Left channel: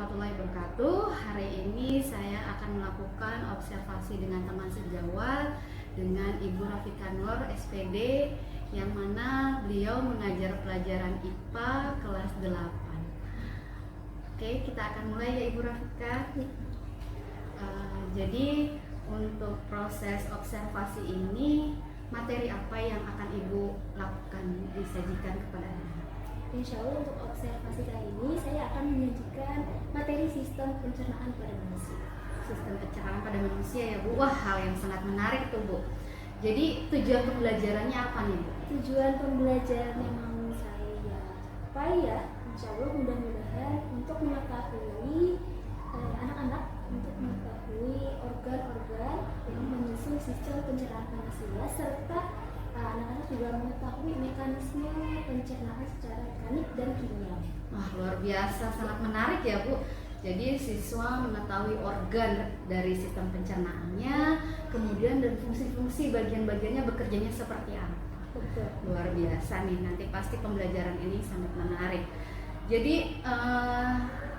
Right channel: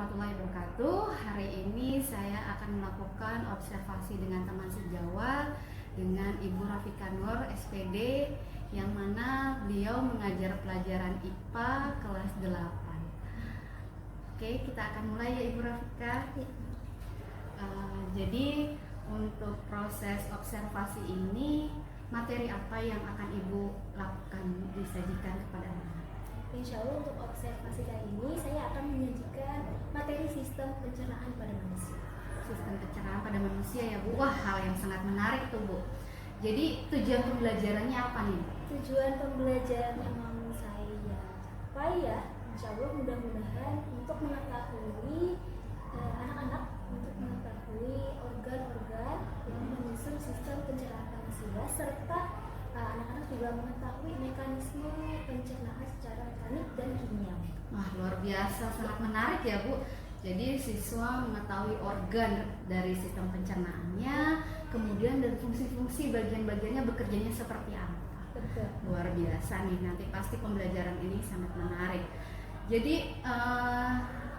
warahmatullahi wabarakatuh. Hari ini saya akan melakukan observasi dengan teman sejawat dengan Ibu Rafika Nur SPD, yang mana beliau mengajar pelajaran IPA kelas 8. Oke, kita akan mulai ya Ibu Rafika. Jadi untuk proses observasi ini, materi apa yang akan Ibu lakukan disajikan kepada anak? Insya Allah untuk observasi kali ini saya akan menyajikan materi sistem pencernaan pada manusia. Sistem pencernaan pada manusia ya Bu. Wah, hal yang sangat menarik tuh Bu. Jadi tujuan pembelajarannya apa nih Bu? Tujuan pembelajaran yang mau saya capai ya, insya Allah mudah-mudahan untuk mengetahui anak-anak untuk mengetahui organ-organ yang menyusun sistem pencernaan manusia, serta anak-anak juga mengetahui mekanisme pencernaan secara mekanik dan kimia. Wah, luar biasa, sangat menarik ya Bu. Jadi siswa mengetahui organ dari sistem pencernaannya, kemudian dan fungsi-fungsi bagian-bagiannya bekerjanya seperti apa. Betul. Luar biasa nih, nanti pasti pembelajaran ini sangat menarik. Jadi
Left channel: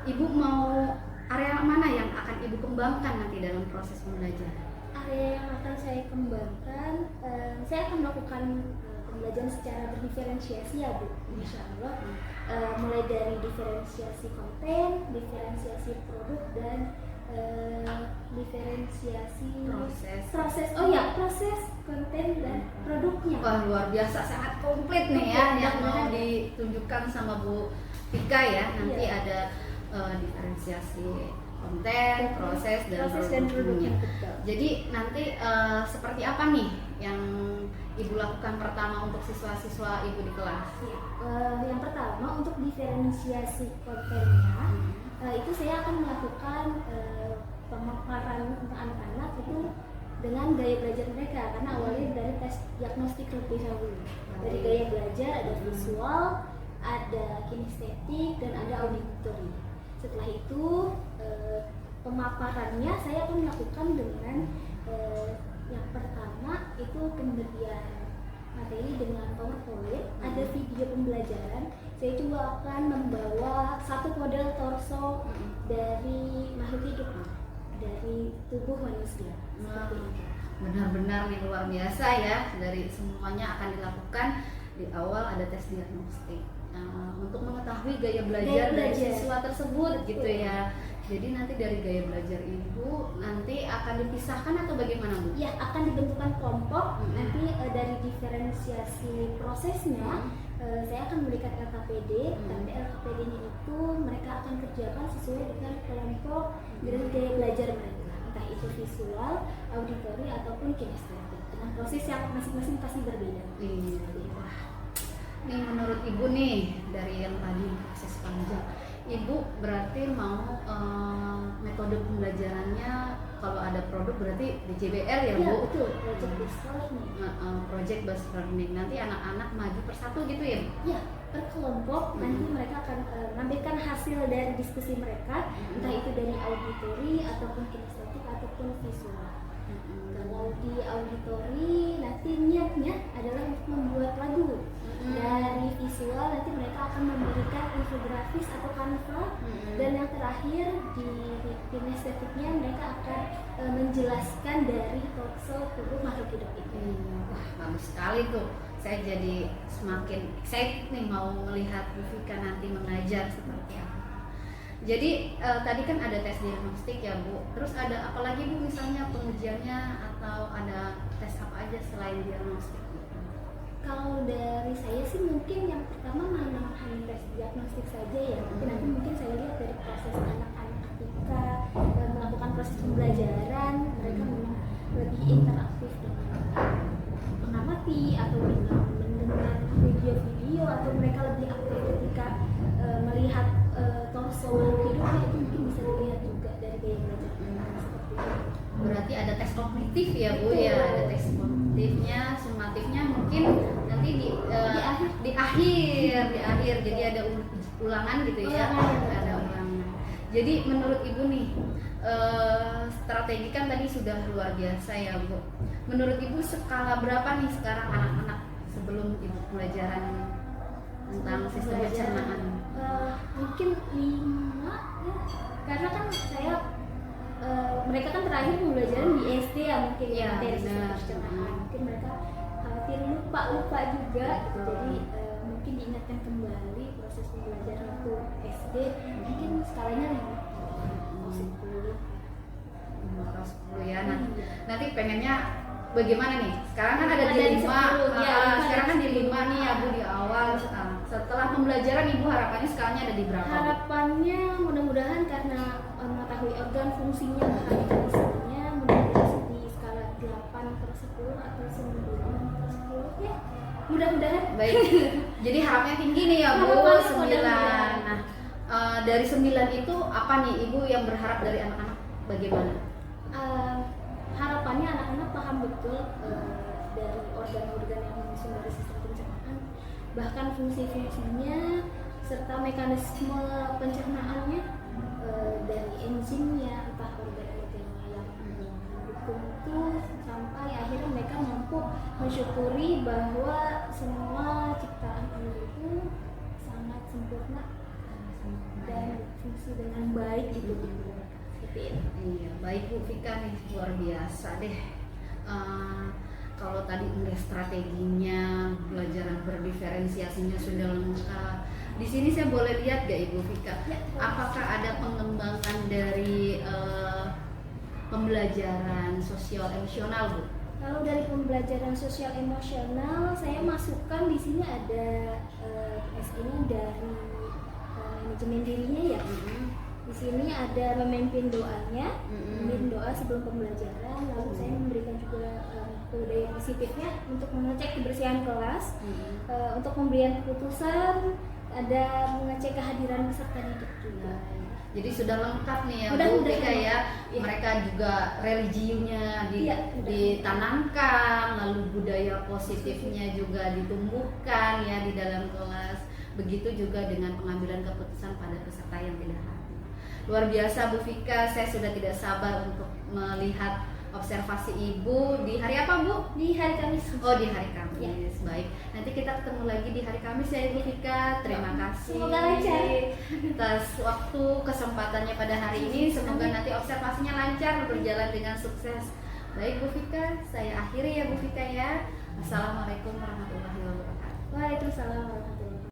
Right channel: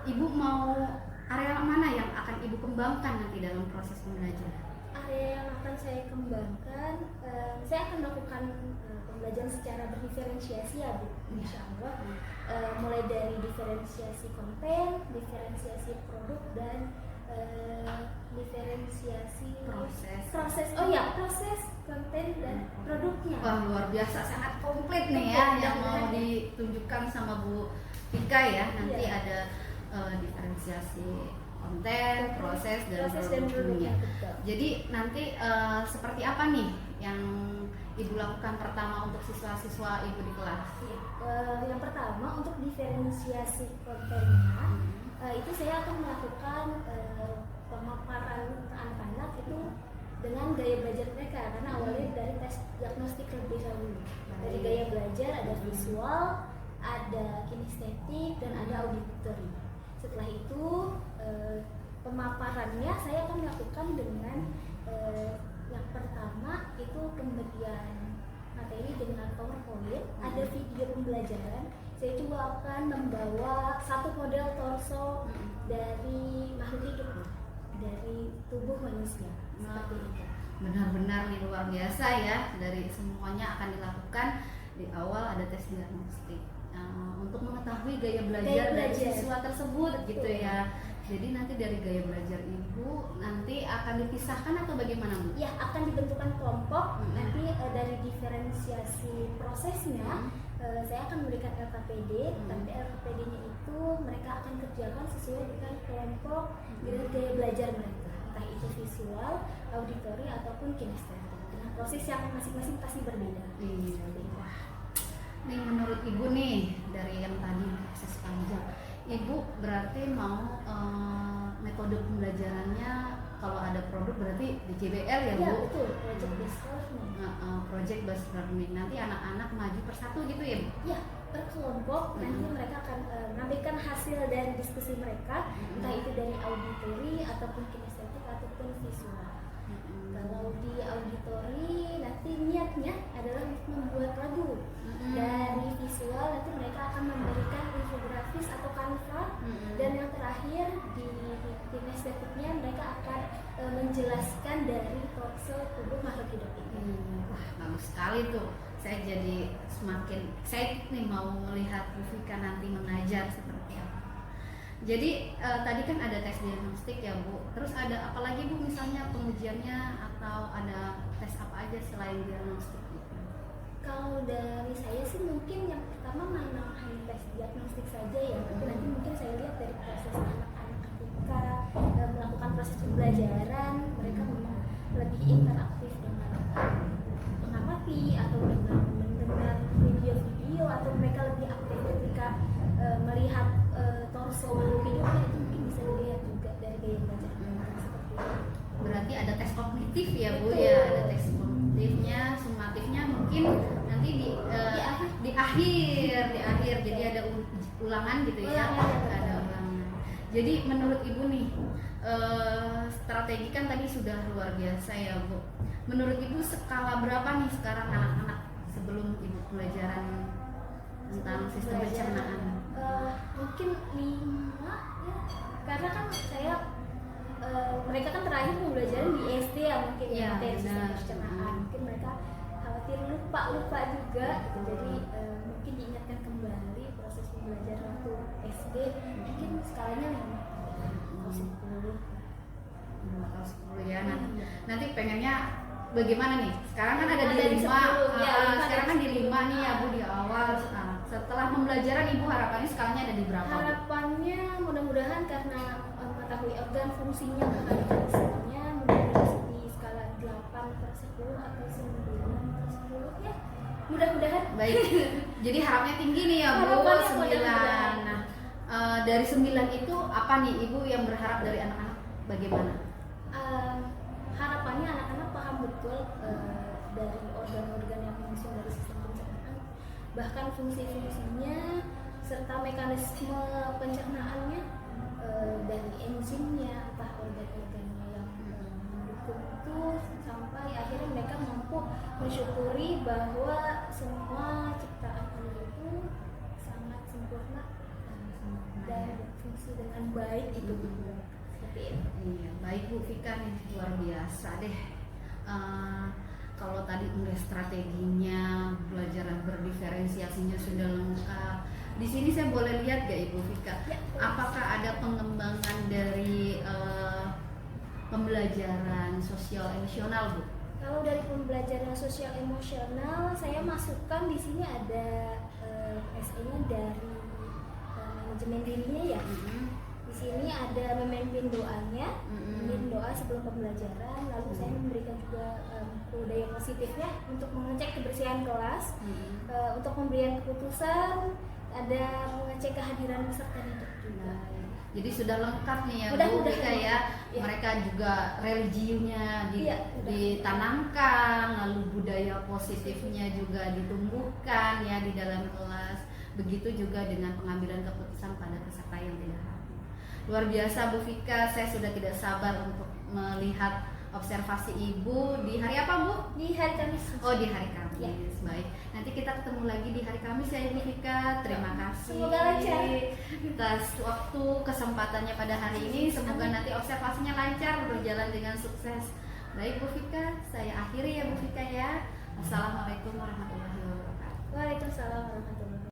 Ibu mau area mana yang akan Ibu kembangkan nanti dalam proses pembelajaran? Area yang akan saya kembangkan, saya akan melakukan pembelajaran secara berdiferensiasi ya Bu, insya Allah. Mulai dari diferensiasi konten, diferensiasi produk, dan diferensiasi proses konten dan produknya. Wah, luar biasa, sangat komplit nih ya yang mau ditunjukkan sama Bu Tika ya. Nanti ada diferensiasi konten, proses dan produknya. Jadi nanti seperti apa nih yang Ibu lakukan pertama untuk siswa-siswa Ibu di kelas? Yang pertama untuk diferensiasi kontennya, itu saya akan melakukan pemaparan untuk anak-anak itu dengan gaya belajar mereka, karena awalnya dari tes diagnostik lebih dahulu. Dari gaya belajar ada visual, ada kinestetik, dan ada auditory. Setelah itu pemaparannya saya akan melakukan dengan yang pertama itu pemberian materi dengan PowerPoint, ada video pembelajaran. Saya juga akan membawa satu model torso dari makhluk hidup, dari tubuh manusia. Benar-benar nih luar biasa ya, dari semuanya akan dilakukan. Di awal ada tes diagnostik untuk mengetahui gaya belajar dari siswa tersebut. Betul. Gitu ya. Jadi nanti dari gaya belajar Ibu nanti akan dipisahkan atau bagaimana Bu? Ya, akan dibentukkan kelompok. Nanti dari diferensiasi prosesnya saya akan memberikan LKPD. Nanti LKPD-nya itu mereka akan kerjakan sesuai dengan kelompok dengan gaya belajar mereka, entah itu visual, auditory ataupun kinestetik, dengan proses yang masing-masing pasti berbeda. Iya. Wah, nih menurut Ibu nih dari yang tadi proses panjang, Ibu berarti mau metode pembelajarannya kalau ada produk berarti di JBL ya Bu? Iya betul, project based learning. Project based learning, nanti anak-anak maju persatu gitu ya Bu? Iya, per kelompok nanti mereka akan mengambilkan hasil dari diskusi mereka, entah itu dari auditory ataupun kinestetik ataupun visual. Kalau di auditory nanti niatnya adalah untuk membuat lagu. Dari visual nanti mereka akan memberikan infografis atau kanva, dan yang terakhir di kinestetiknya mereka akan menjelaskan dari torso tubuh makhluk hidup ini. Wah, bagus sekali tuh. Saya jadi semakin excited nih mau melihat Bu Vika nanti mengajar seperti apa. Jadi tadi kan ada tes diagnostik ya Bu. Terus ada apa lagi Bu, misalnya pengujiannya atau ada tes apa aja selain diagnostik? Kalau dari saya sih mungkin yang pertama hanya tes diagnostik saja ya. Nanti mungkin saya lihat dari proses anak-anak ketika melakukan proses pembelajaran, mereka memang lebih interaktif dengan mengamati atau dengan mendengar video-video, atau mereka lebih aktif ketika melihat torso makhluk hidupnya. Itu mungkin bisa dilihat juga dari gaya belajar mereka seperti itu. Berarti ada tes kognitif ya Bu? Betul. Ya, ada tes kognitifnya, sumatifnya mungkin nanti di akhir. Jadi ada ulangan gitu ya. Ada ulangan. Jadi menurut Ibu nih, strategi kan tadi sudah luar biasa ya Bu. Menurut Ibu skala berapa nih sekarang anak-anak sebelum Ibu pelajaran tentang sistem pencernaan? Mungkin 5 ya. terakhir pembelajaran di SD ya mungkin Iya, materi benar. sistem pencernaan. Mungkin mereka khawatir lupa juga gitu. Jadi mungkin diingatkan kembali proses pembelajaran waktu SD. Mungkin skalanya 5 atau 10. 5 atau 10 ya. Nanti pengennya bagaimana nih? Sekarang kan ada di Dari 5. 10, ya, 5 Sekarang kan di dari 5 nih ya Bu di awal. Nah, setelah pembelajaran Ibu harapannya skalanya ada di berapa Bu? Harapannya mudah-mudahan karena mengetahui organ fungsinya mekanismenya mudah-mudahan di skala 8/10 atau 9/10 ya mudah-mudahan. Baik. Jadi harapnya tinggi nih ya Bu, Harapannya 9. mudah-mudahan. Nah, dari 9 itu apa nih Ibu yang berharap dari anak-anak bagaimana? Harapannya anak-anak paham betul dari organ-organ yang menyusun dari sistem pencernaan, bahkan fungsi-fungsinya serta mekanisme pencernaannya, dari enzimnya, entah organ-organnya yang mendukung itu, sampai akhirnya mereka mampu mensyukuri bahwa semua ciptaan Allah itu sangat sempurna dan berfungsi dengan baik gitu. Iya, baik Bu Vika nih, luar biasa deh. Kalau tadi udah strateginya, pelajaran berdiferensiasinya sudah lengkap. Di sini saya boleh lihat gak Ibu Vika? Apakah ada pengembangan dari pembelajaran sosial emosional Bu? Kalau dari pembelajaran sosial emosional, saya masukkan di sini ada SE-nya dari manajemen dirinya ya. Di sini ada memimpin doanya, memimpin doa sebelum pembelajaran. Lalu saya memberikan juga budaya positifnya untuk mengecek kebersihan kelas, untuk pemberian keputusan, ada mengecek kehadiran pesertanya juga. Jadi sudah lengkap nih ya Bu Mudah-mudahan Vika ya. ya. Mereka juga religiunya ditanamkan, lalu budaya positifnya juga ditumbuhkan ya di dalam kelas. Begitu juga dengan pengambilan keputusan pada peserta yang tidak hadir. Luar biasa Bu Vika, saya sudah tidak sabar untuk melihat observasi Ibu di hari apa Bu? Di hari Kamis. Oh di hari Kamis, Ya. baik. Nanti kita ketemu lagi di hari Kamis ya Ibu Vika. Terima kasih Semoga lancar atas waktu kesempatannya pada hari ini. Semoga nanti observasinya lancar, berjalan dengan sukses. Baik Bu Vika, saya akhiri ya Bu Vika ya. Assalamualaikum warahmatullahi wabarakatuh. Waalaikumsalam warahmatullahi wabarakatuh.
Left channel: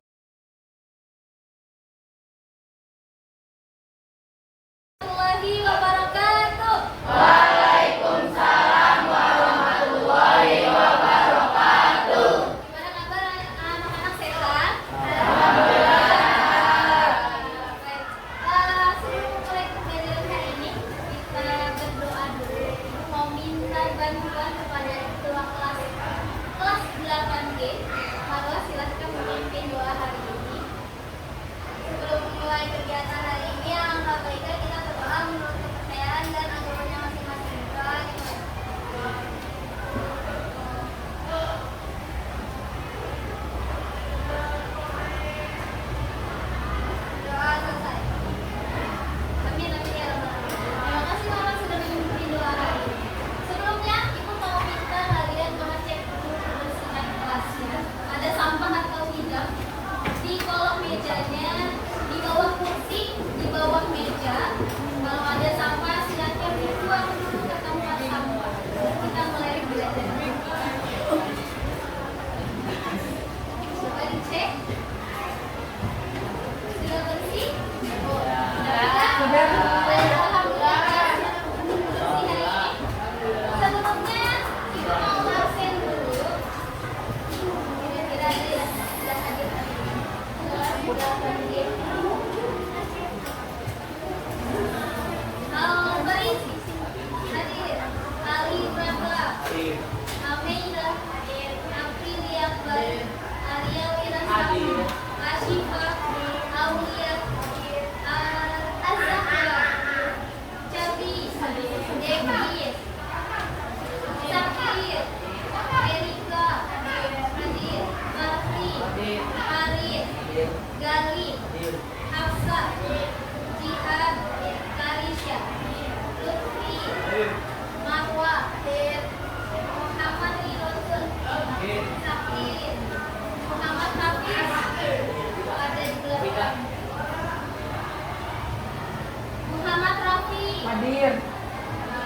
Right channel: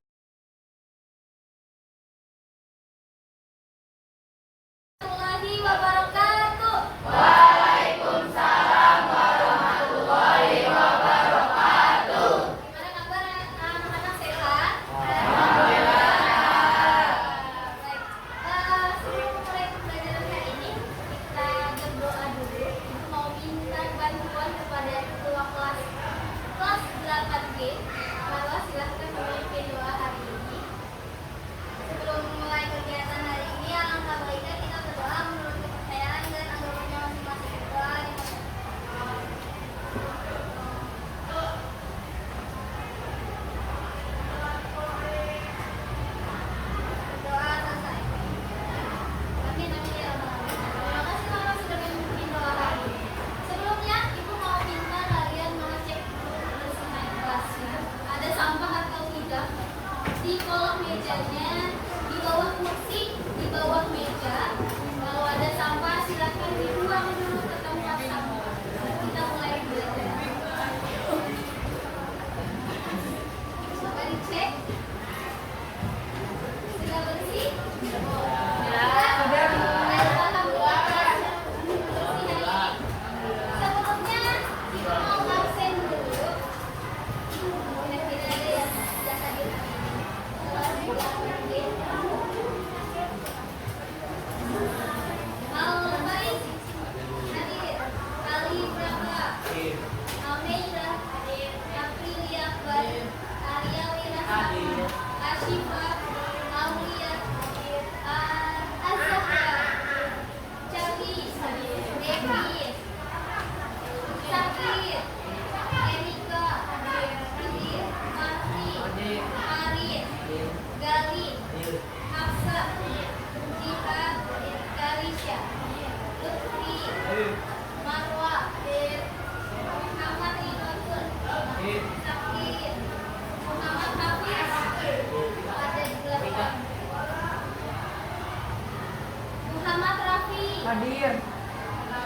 Hadir.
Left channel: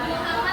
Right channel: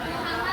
Muhammad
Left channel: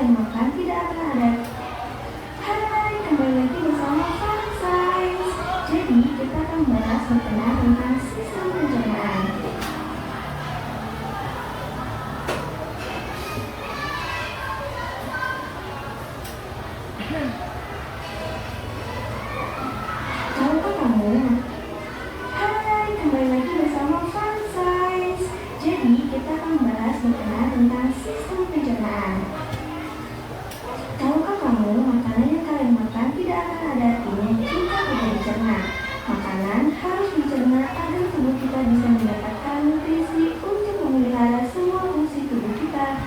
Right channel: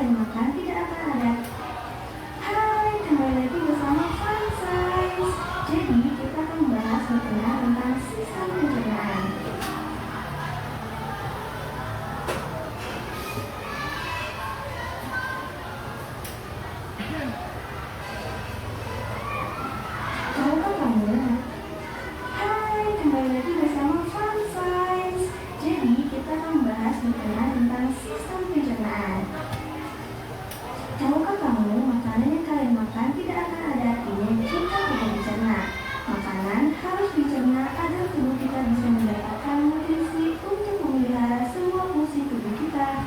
kalian makan tidak akan ada. Hai, kembali lagi bersama Fun Science. Jadi kita akan membahas mengenai tentang sistem pencernaan. Tahukah kamu? Hai, kembali lagi bersama Fun Science. Jadi kita akan membahas mengenai tentang sistem pencernaan. Tahukah kamu, makanan yang kalian makan tidak akan ada artinya jika tidak dicerna. Makanan harus dicerna agar tubuh kita bisa mendapatkan nutrisi untuk memelihara semua fungsi tubuh kita.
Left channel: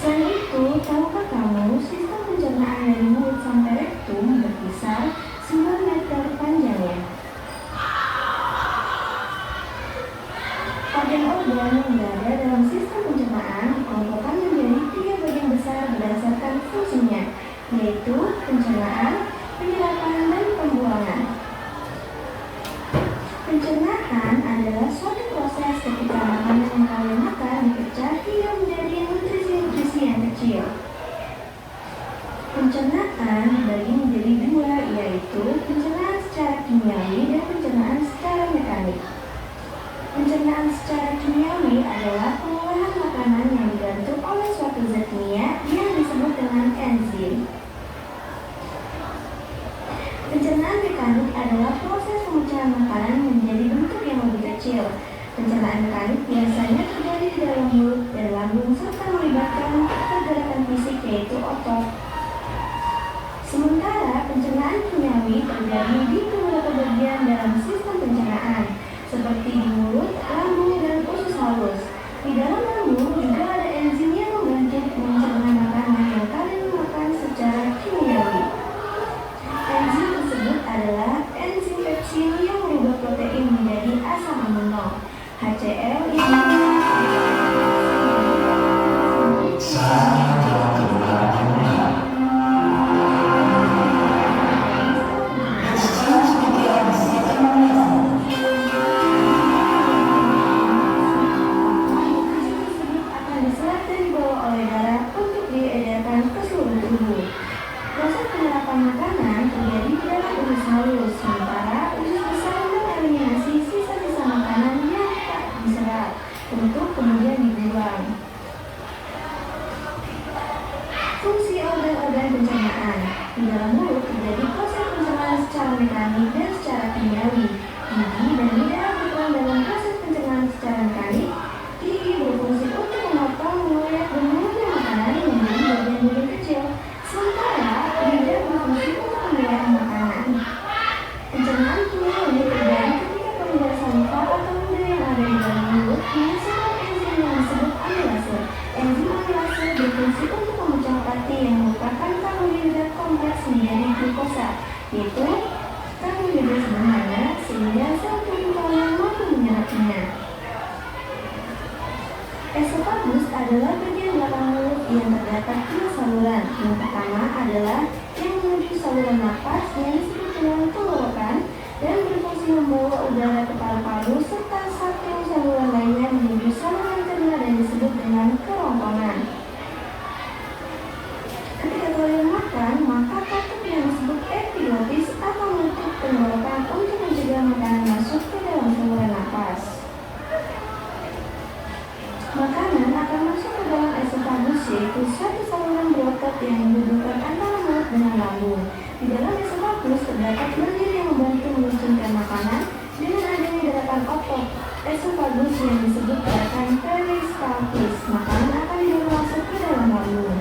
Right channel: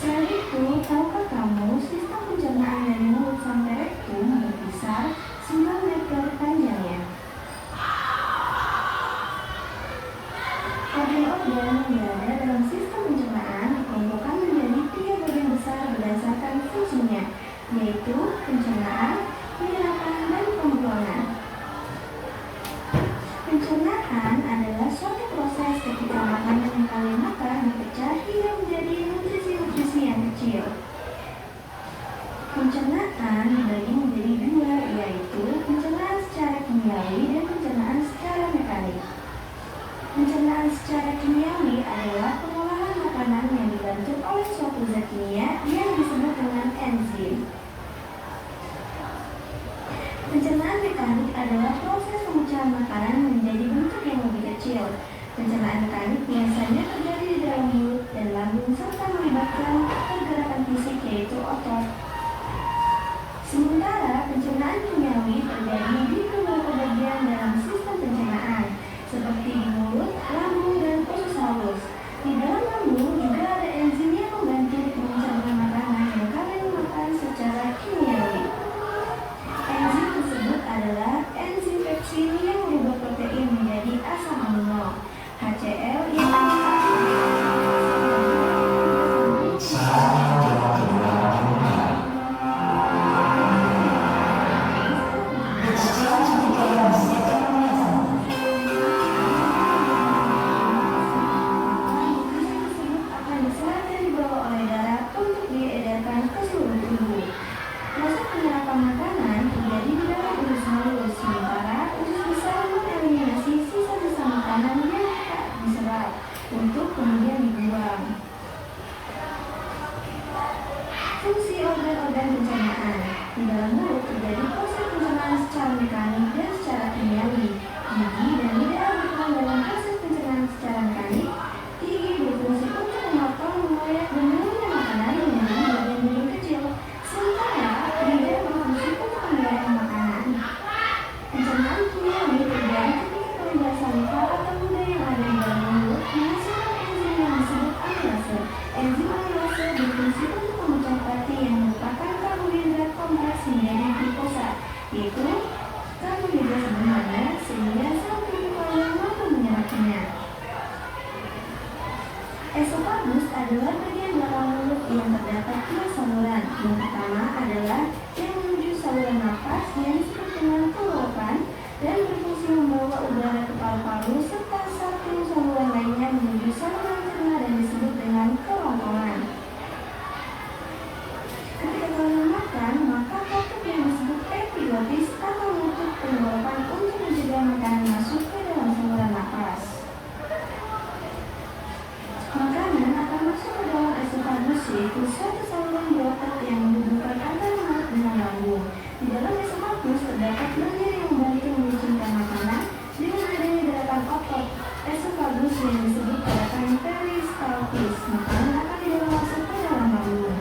Selain itu, tahukah kamu, sistem pencernaan dari mulut sampai rektum berkisar 9 meter panjangnya. Organ-organ yang berada dalam sistem pencernaan dikelompokkan menjadi 3 bagian besar berdasarkan fungsinya, yaitu pencernaan, penyerapan, dan pembuangan. Pencernaan adalah suatu proses ketika makanan yang kalian makan dipecah hingga menjadi nutrisi-nutrisi yang kecil. Pencernaan dibagi menjadi 2, yaitu pencernaan secara kimiawi dan pencernaan secara mekanik. Pencernaan secara kimiawi adalah pengolahan makanan yang dibantu oleh suatu zat kimia yang disebut dengan enzim. Pencernaan mekanik adalah proses pemecahan makanan menjadi bentuk yang lebih kecil. Pencernaan mekanik biasanya terjadi di dalam mulut dan lambung serta melibatkan pergerakan fisik yaitu otot. Sementara pencernaan kimiawi terjadi di beberapa bagian dalam sistem pencernaan, seperti di mulut, lambung, dan usus halus. Di dalam lambung juga ada enzim yang membantu mencerna makanan yang kalian makan secara kimiawi. Enzim tersebut adalah enzim pepsin yang merubah protein menjadi asam amino, HCl yang untuk kemudian dibuang. Fungsi organ-organ pencernaan. Di dalam mulut terjadi proses pencernaan secara mekanik dan secara kimiawi. Gigi dan lidah berperan dalam proses pencernaan secara mekanik. Gigi berfungsi untuk memotong, mengoyak, dan mengunyah makanan menjadi bagian-bagian kecil. Sementara lidah berfungsi untuk mengoyak makanan. Pencernaan kimiawi terjadi ketika peredaran saliva atau ludah yang ada di dalam mulut menghasilkan enzim yang disebut amilase. Enzim amilase berfungsi untuk memecah pati yang merupakan karbohidrat kompleks menjadi glukosa, yaitu karbohidrat sederhana, sehingga sel tubuh kalian mampu menyerapnya. Esofagus adalah bagian belakang mulut yang terdapat 3 saluran. Yang pertama adalah yang menuju saluran nafas yang disebut dengan tenggorokan dan berfungsi membawa udara ke paru-paru, serta satu saluran lainnya menuju saluran cerna dan disebut dengan kerongkongan. Ketika kalian makan, maka tutup yang disebut epiglottis atau menutup tenggorokan untuk mencegah makanan masuk ke dalam saluran nafas. Makanan akan masuk ke dalam esofagus, yaitu satu saluran berotot yang menghubungkan antara mulut dengan lambung. Di dalam esofagus terdapat bagian yang membantu menyusunkan makanan dengan adanya gerakan otot esofagus yang disebut gerakan peristaltis. Makanan akan dibawa masuk ke dalam lambung.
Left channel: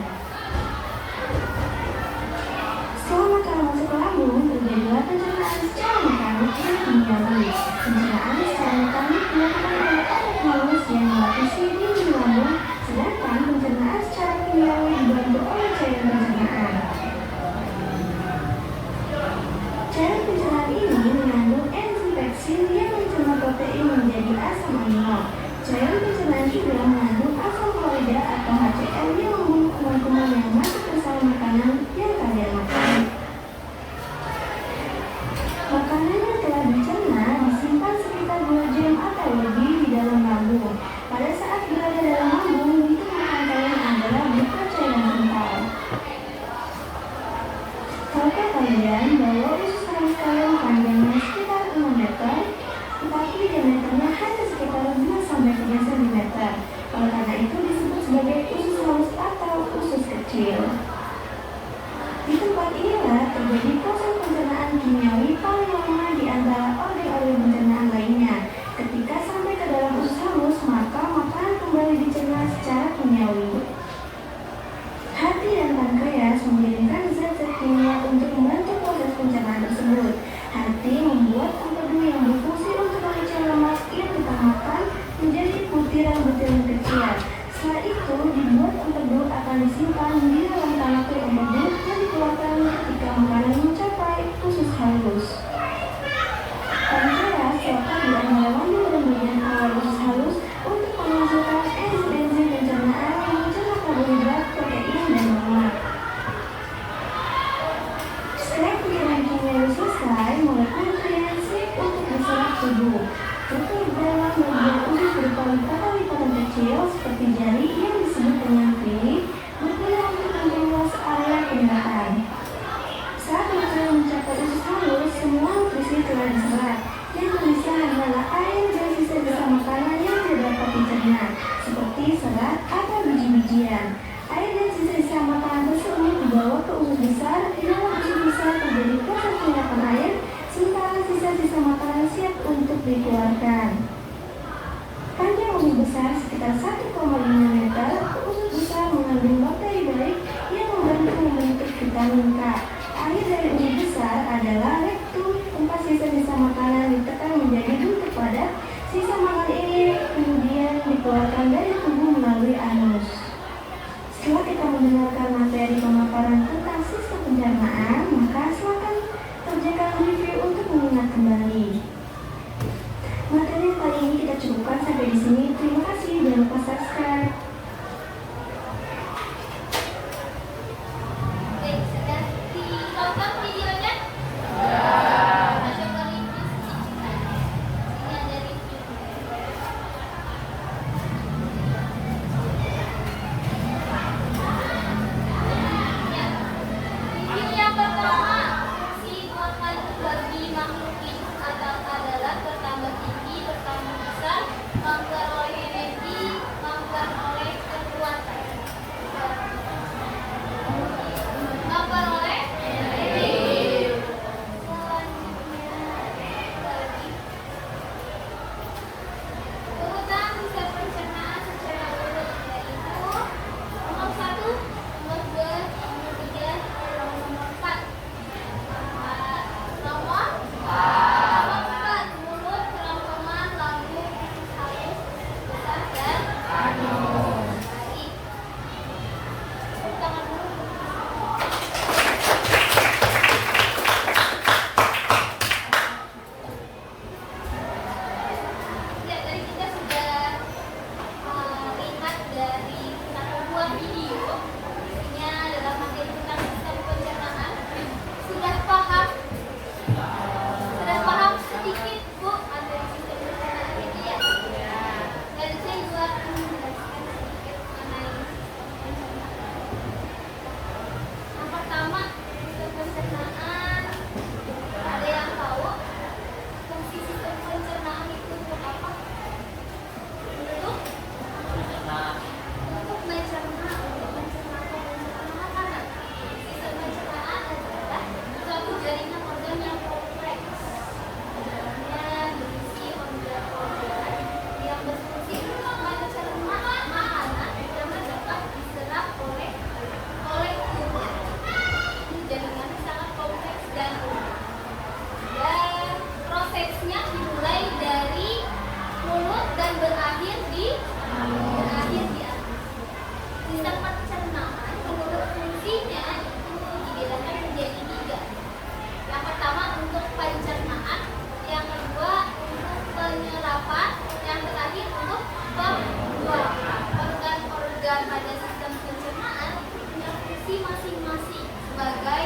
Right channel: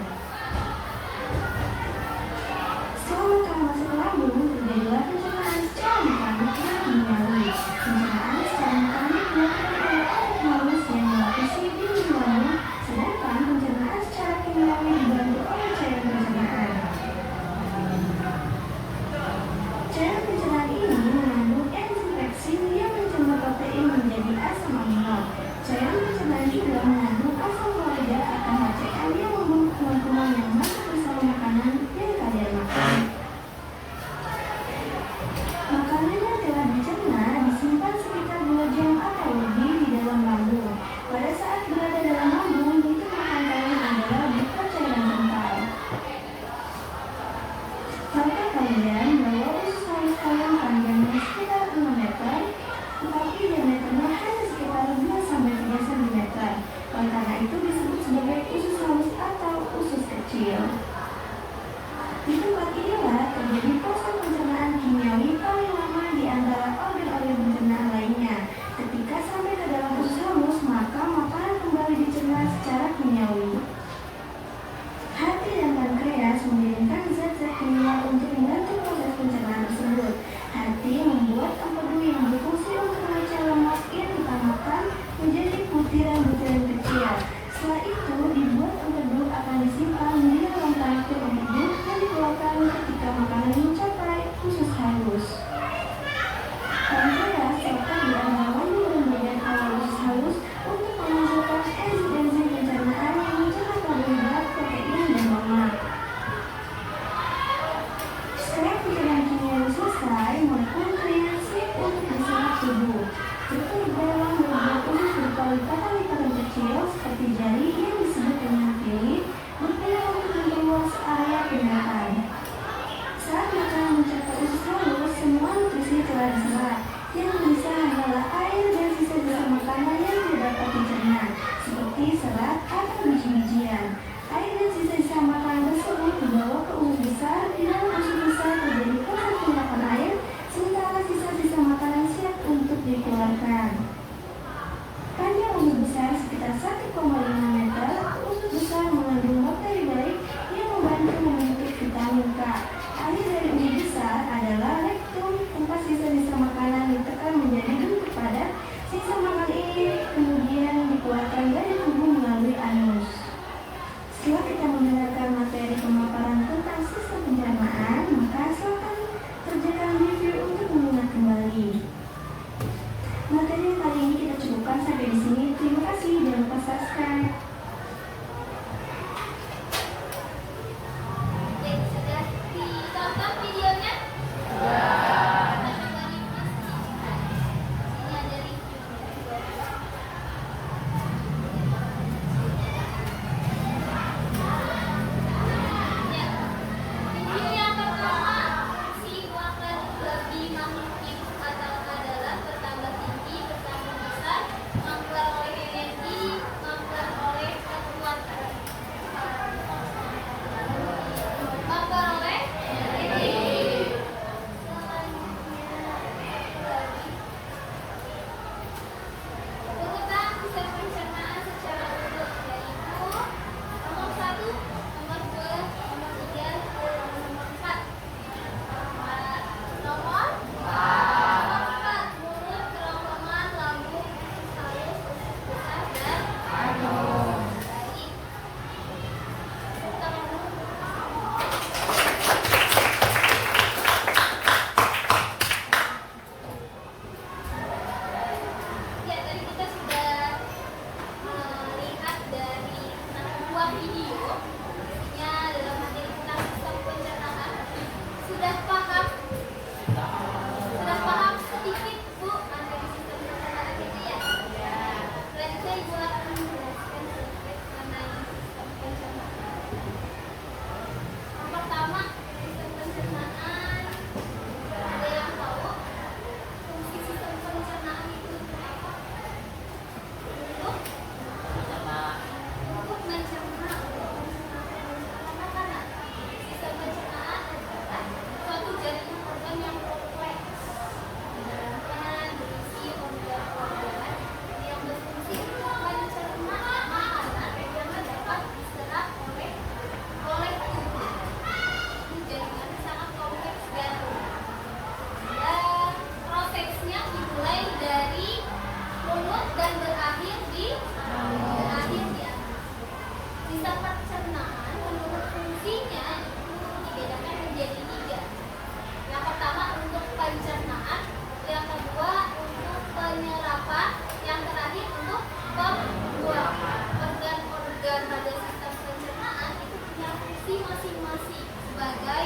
masih sebagai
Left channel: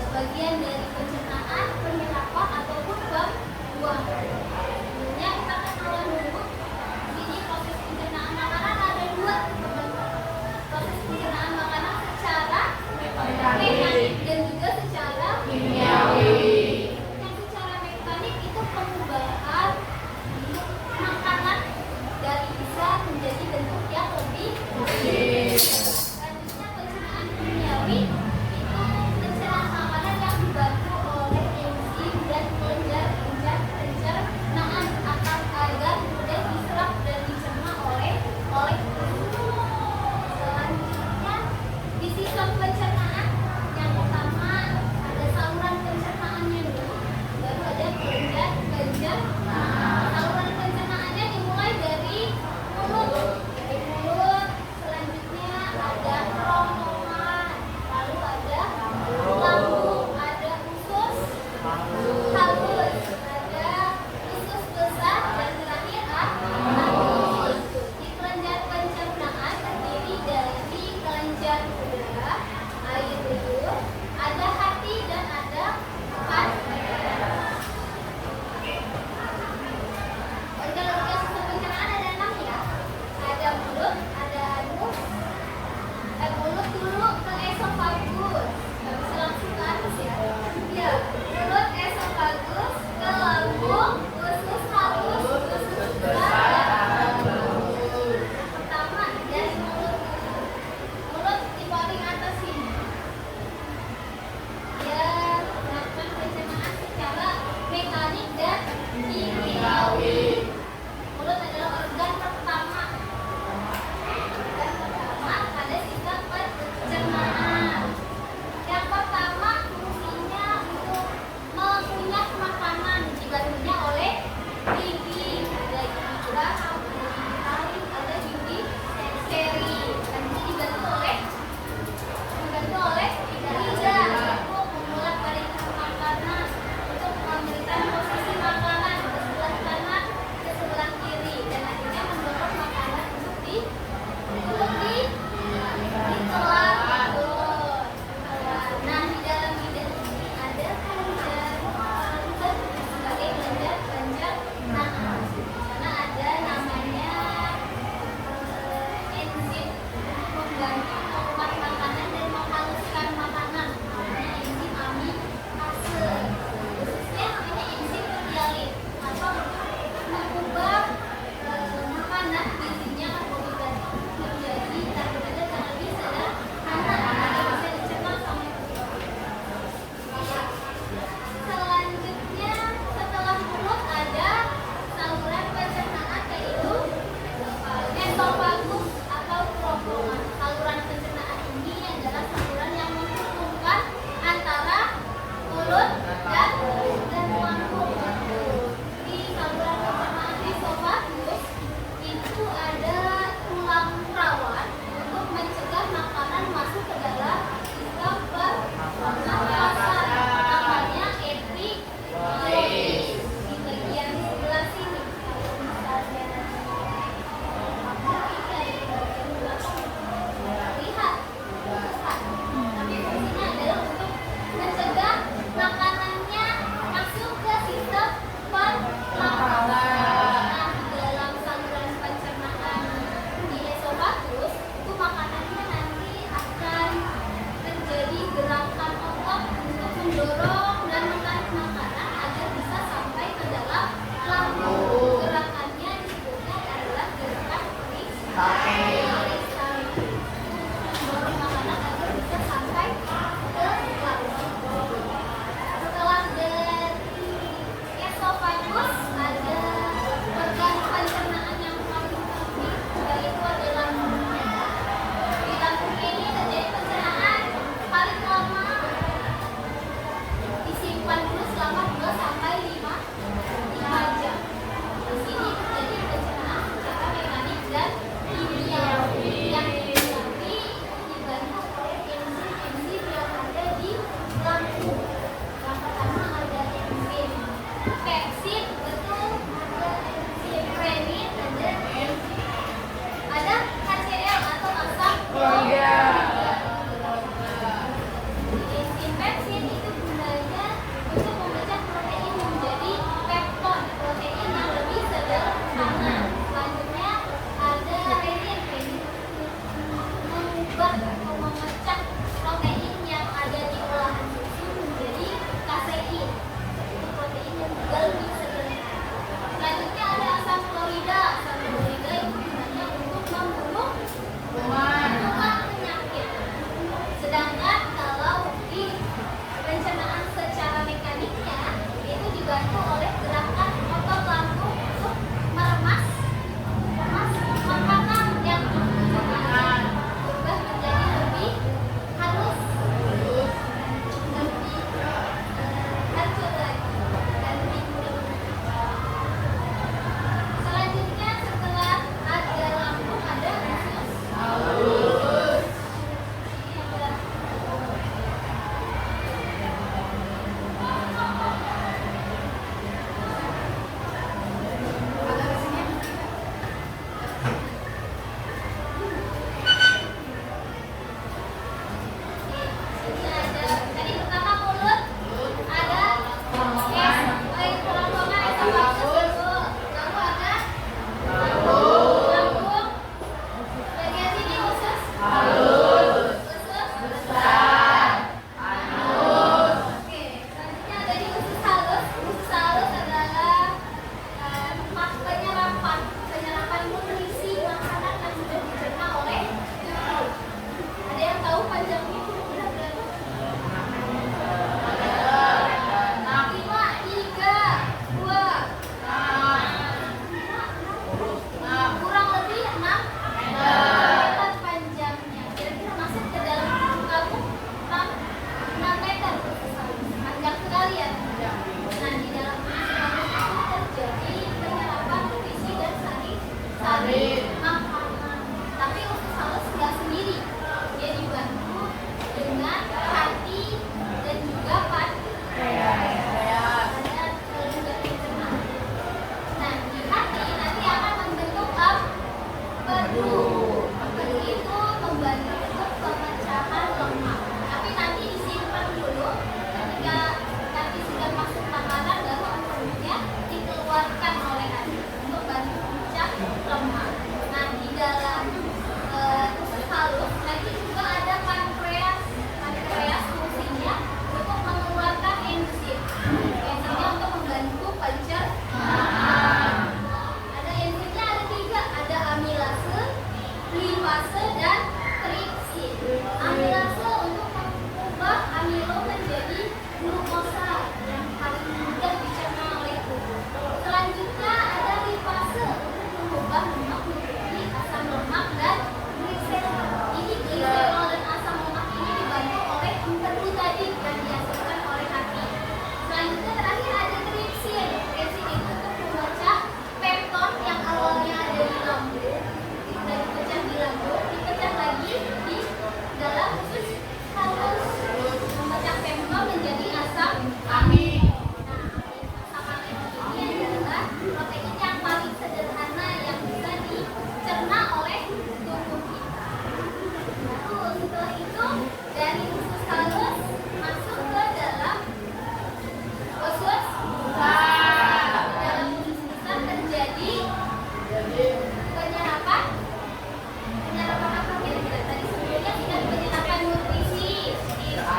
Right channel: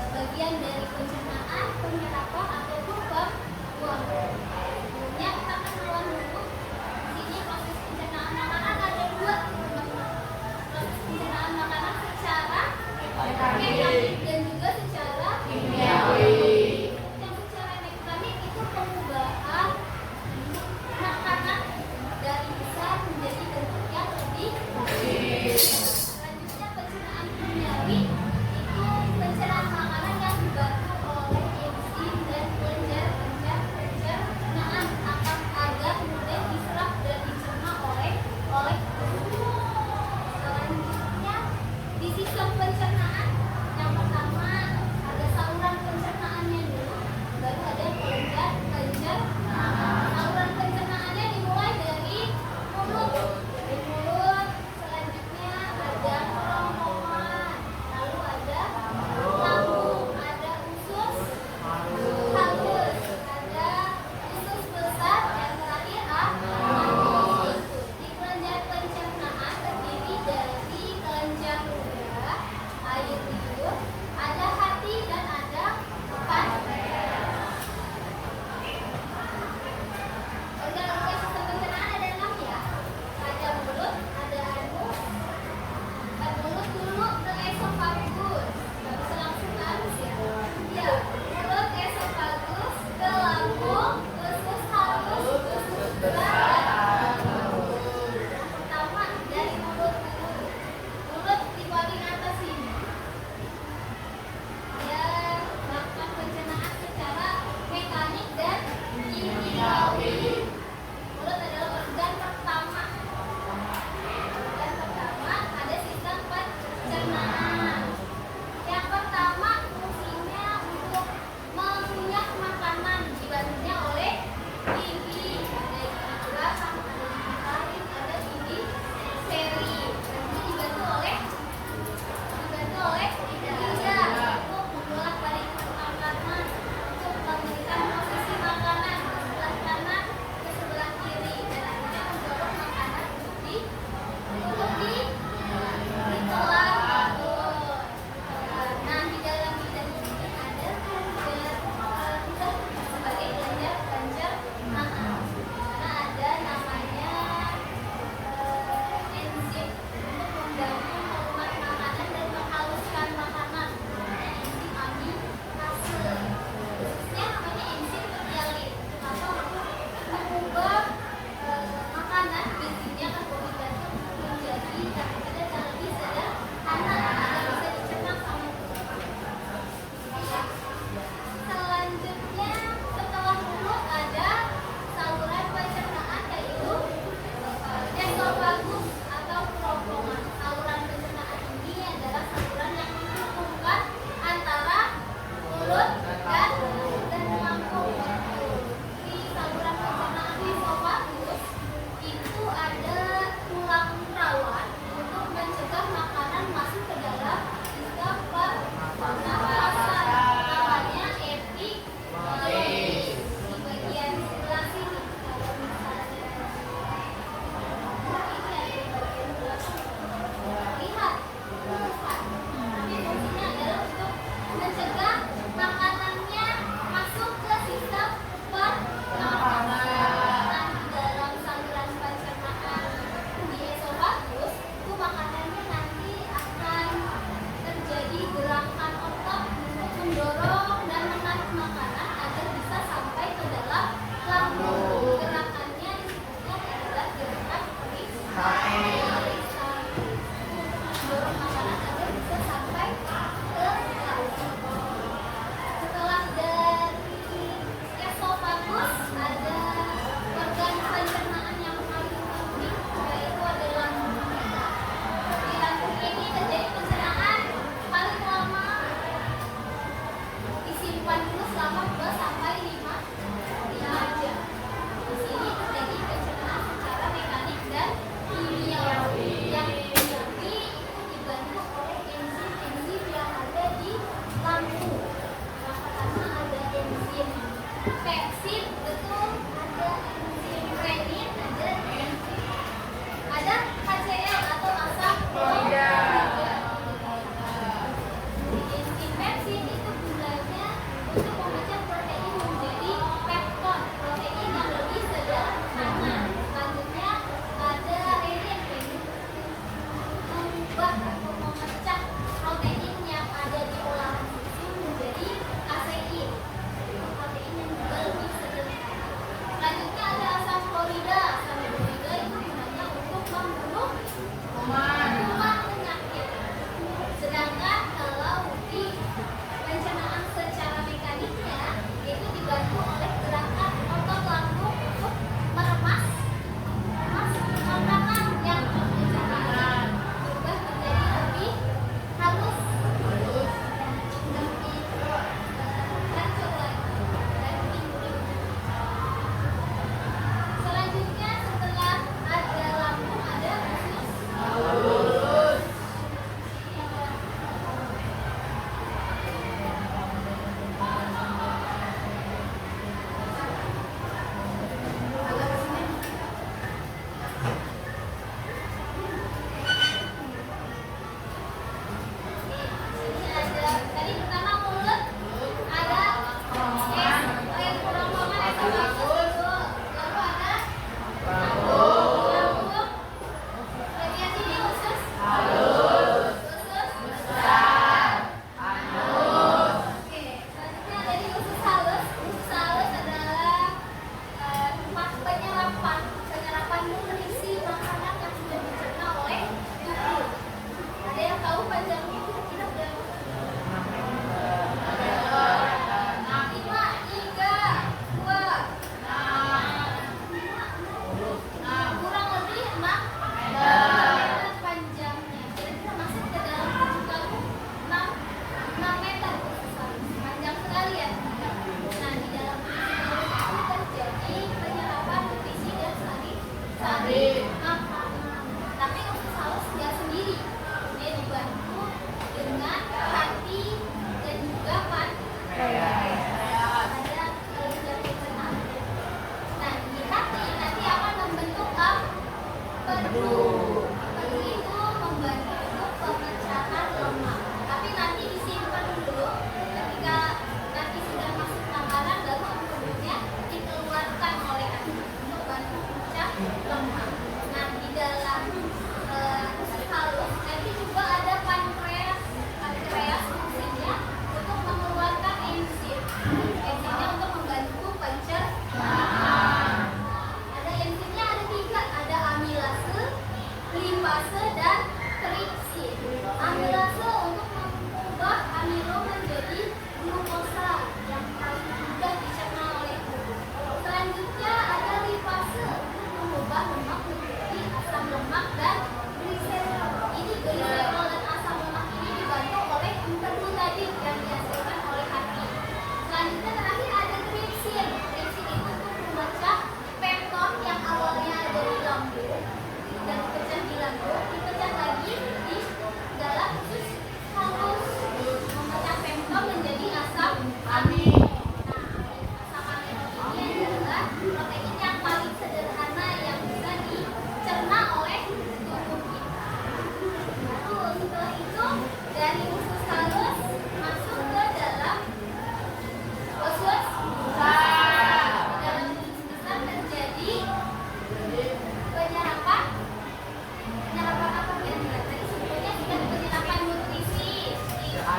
sebagian dari pencernaan, penyerapan ataupun pembuangan. Sebenarnya kita kenalan dulu. Di sini proses pencernaan makanan ada dua. Proses pencernaan makanan secara mekanik dan juga secara kimiawi. Yang secara mekanik itu pengubahan makanan dari bisa menjadi bentuk yang lebih kecil. Selanjutnya pencernaan kimiawi itu pencernaan makanan yang dibantu oleh enzim dan kelenjar pencernaan agar mudah diserap dan dicerna oleh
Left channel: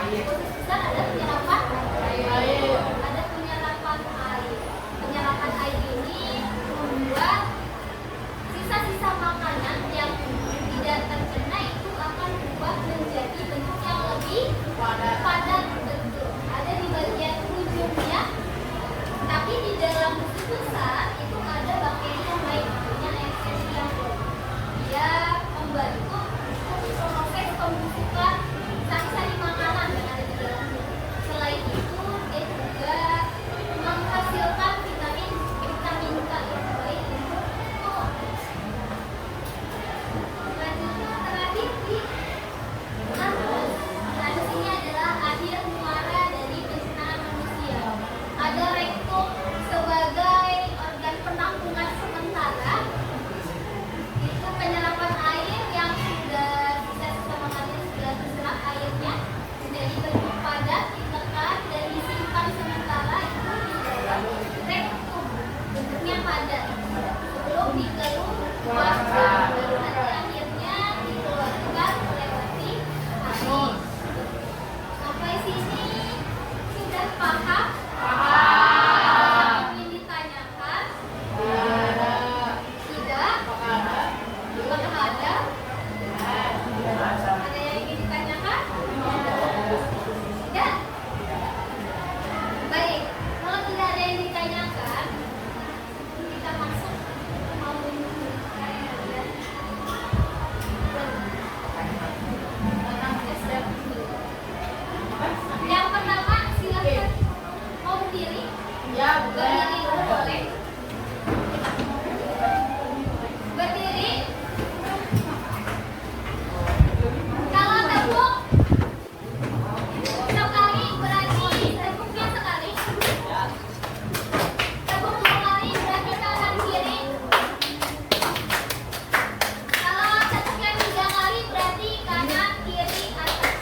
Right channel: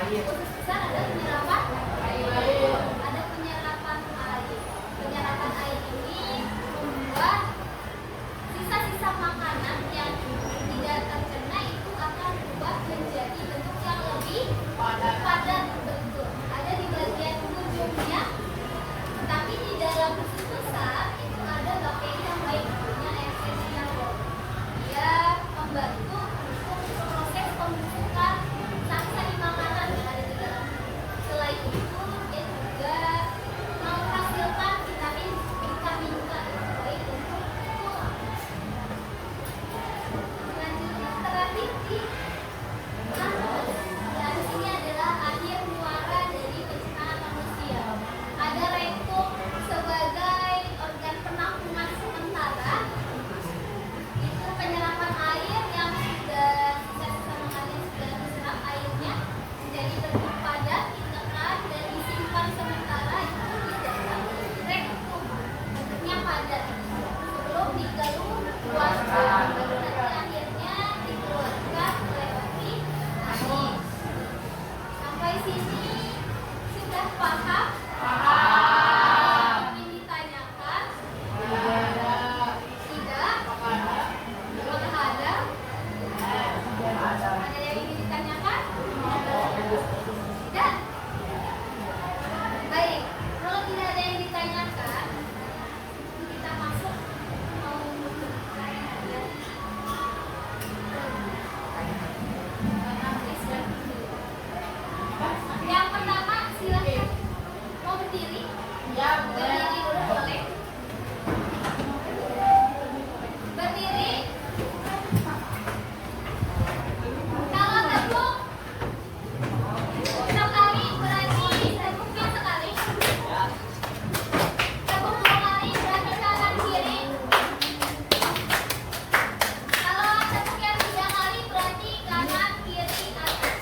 khusus besar ada penyerapan air. Ada penyerapan air. Penyerapan air ini membuat sisa-sisa makanan yang tidak tercerna itu akan membuat menjadi bentuk yang lebih padat, betul. Ada di bagian ujungnya, tapi di dalam khusus besar itu ada bakteri yang baik namanya Escherichia coli. Dia membantu proses pembusukan sari-sari makanan yang ada di dalamnya. Selain itu, dia juga menghasilkan vitamin K yang baik untuk tulang. Selanjutnya terakhir di anus. Anus ini adalah akhir muara dari pencernaan manusia. Ada rektum sebagai organ penampungan sementara. Itu penyerapan air yang sudah sisa-sisa makanan sudah terserap airnya menjadi bentuk padat, ditekan dan disimpan sementara itu di dalam rektum, bentuknya padat sebelum dikeluarkan, baru nanti akhirnya dikeluarkan melewati anus. Sampai sini sudah paham? Paham. Ingin ditanyakan? Tidak? Apakah ada? Ada yang ingin ditanyakan? Tidak? Baik, kalau tidak ada yang ditanyakan, kita masuk yang pertama, silakan mau berdiri. Berdiri dulu boleh. Berdiri. Kalau tepuk sekali berarti tepuknya sekali. Tepuk 2 kali berarti kanan kiri. Kalau tepuknya 3 kali berarti kanan kiri atas.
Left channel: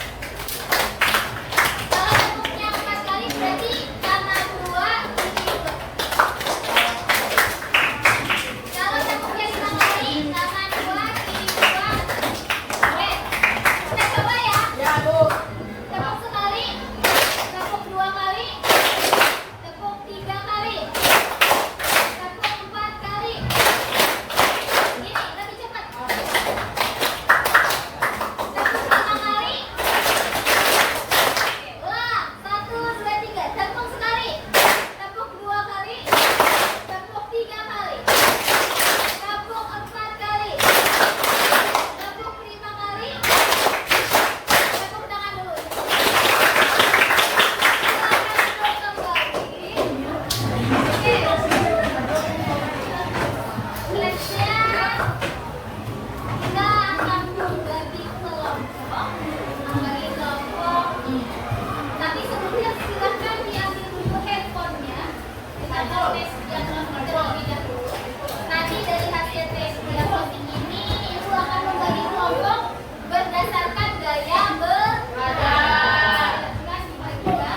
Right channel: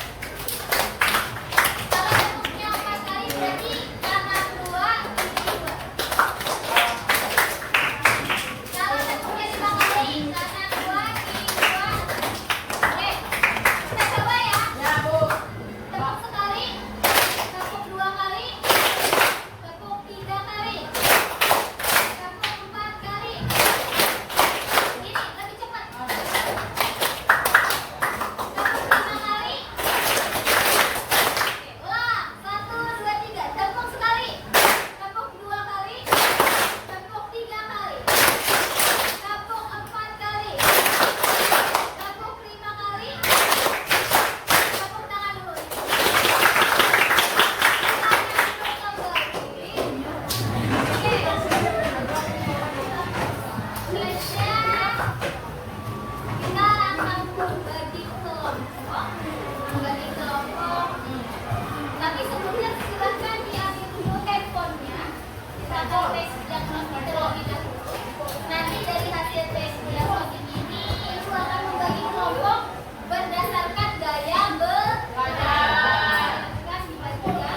Kalau tepuknya 4 kali berarti kanan 2 kiri 2. Kalau tepuknya 5 kali kanan 2 kiri 2. Oke, kita coba ya. Tepuk sekali, tepuk 2 kali, tepuk 3 kali, tepuk 4 kali. Ini lebih cepat. Tepuk 5 kali. Oke, ulang. 1, 2, 3. Tepuk sekali, tepuk 2 kali, tepuk 3 kali, tepuk 4 kali, tepuk 5 kali. Tepuk tangan dulu. Selanjutnya kita akan membagi kelompok. Tapi sebelumnya silakan diambil dulu handphonenya. Kita akan tes diagnostik terlebih dahulu. Nanti dari hasil tes diagnostik ini ibu akan membagi kelompok berdasarkan gaya berjalan. Kan dibagi ya.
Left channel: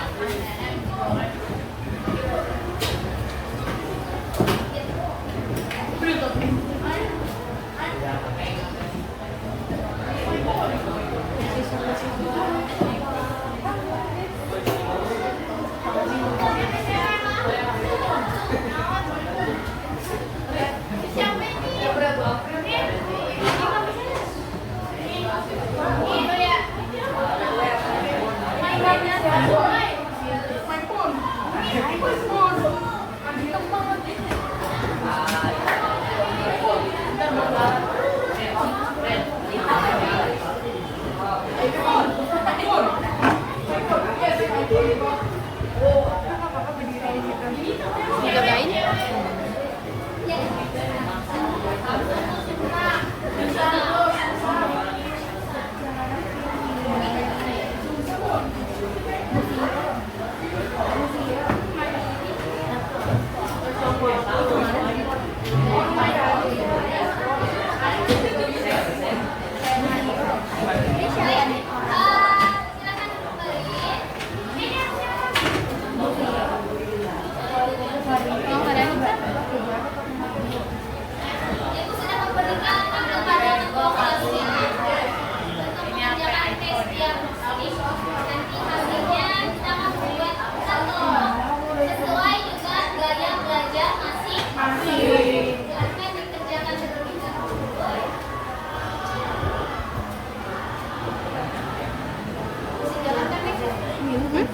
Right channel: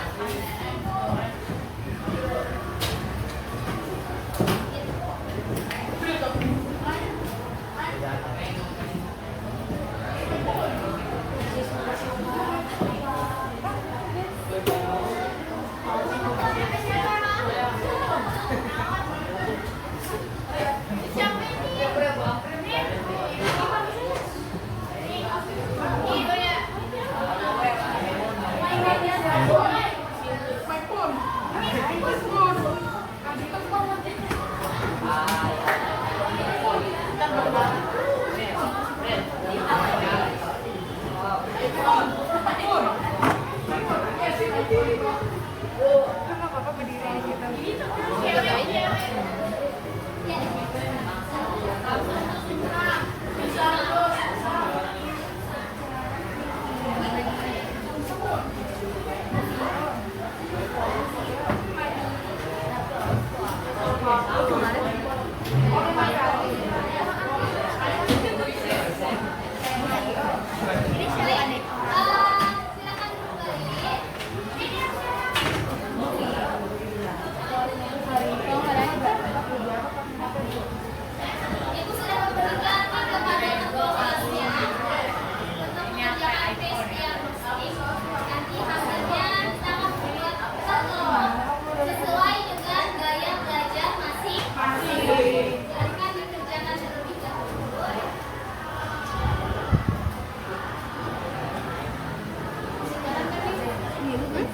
Di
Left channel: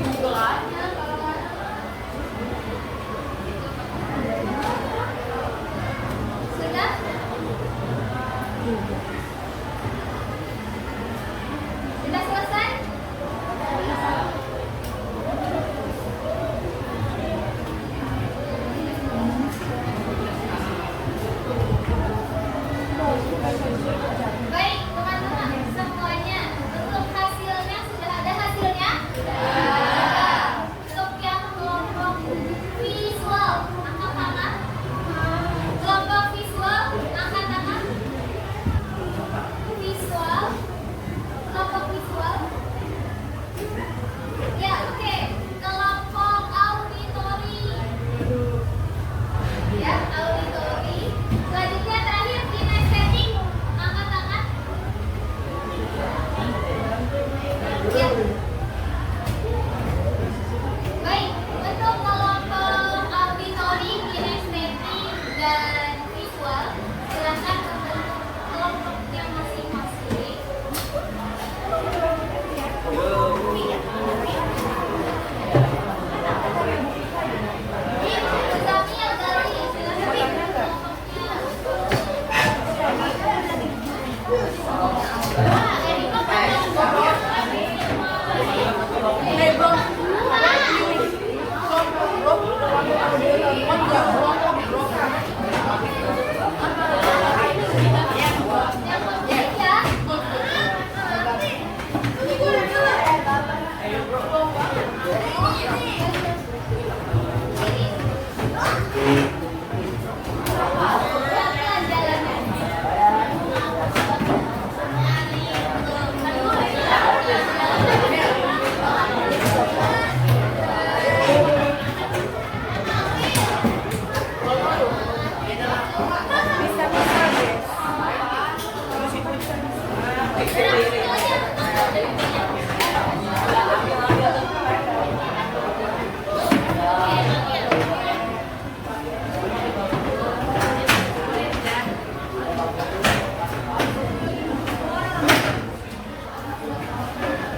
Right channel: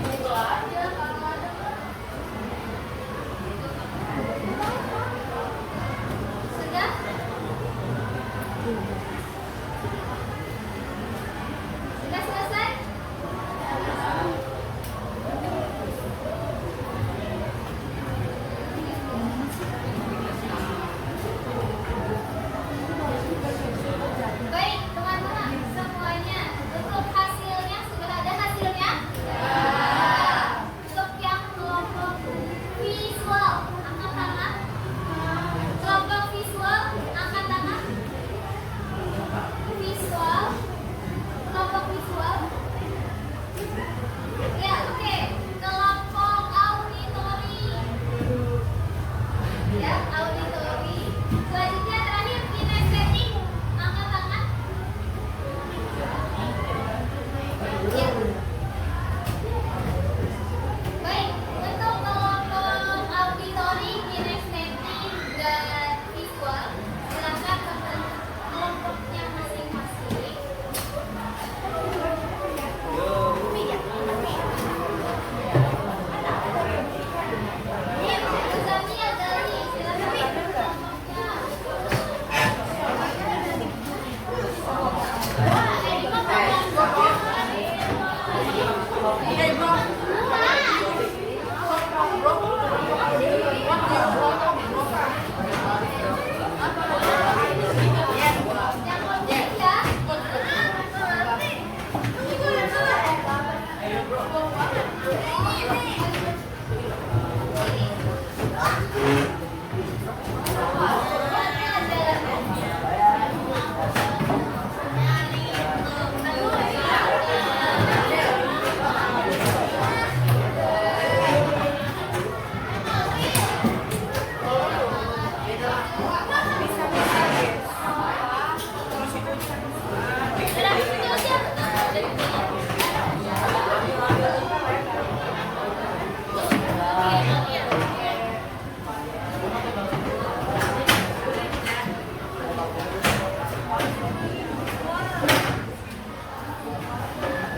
Google aja kalau ada. Sudah? Sudah selesai? Baik, teman-teman semuanya, untuk hasilnya sudah ada hasilnya? Untuk yang kelompok visual, angkat tangan. Kelompok visual, angkat tangan. Visual, kelompok visual. Ya, oke. Kelompok auditori. Ya, auditori. Selanjutnya terakhir kinestetik, angkat tangan. Ya. Baik, untuk kelompok auditori, kinestetik, dan visual, silakan ke kelompoknya masing-masing. Zamil dari silakan kelompoknya.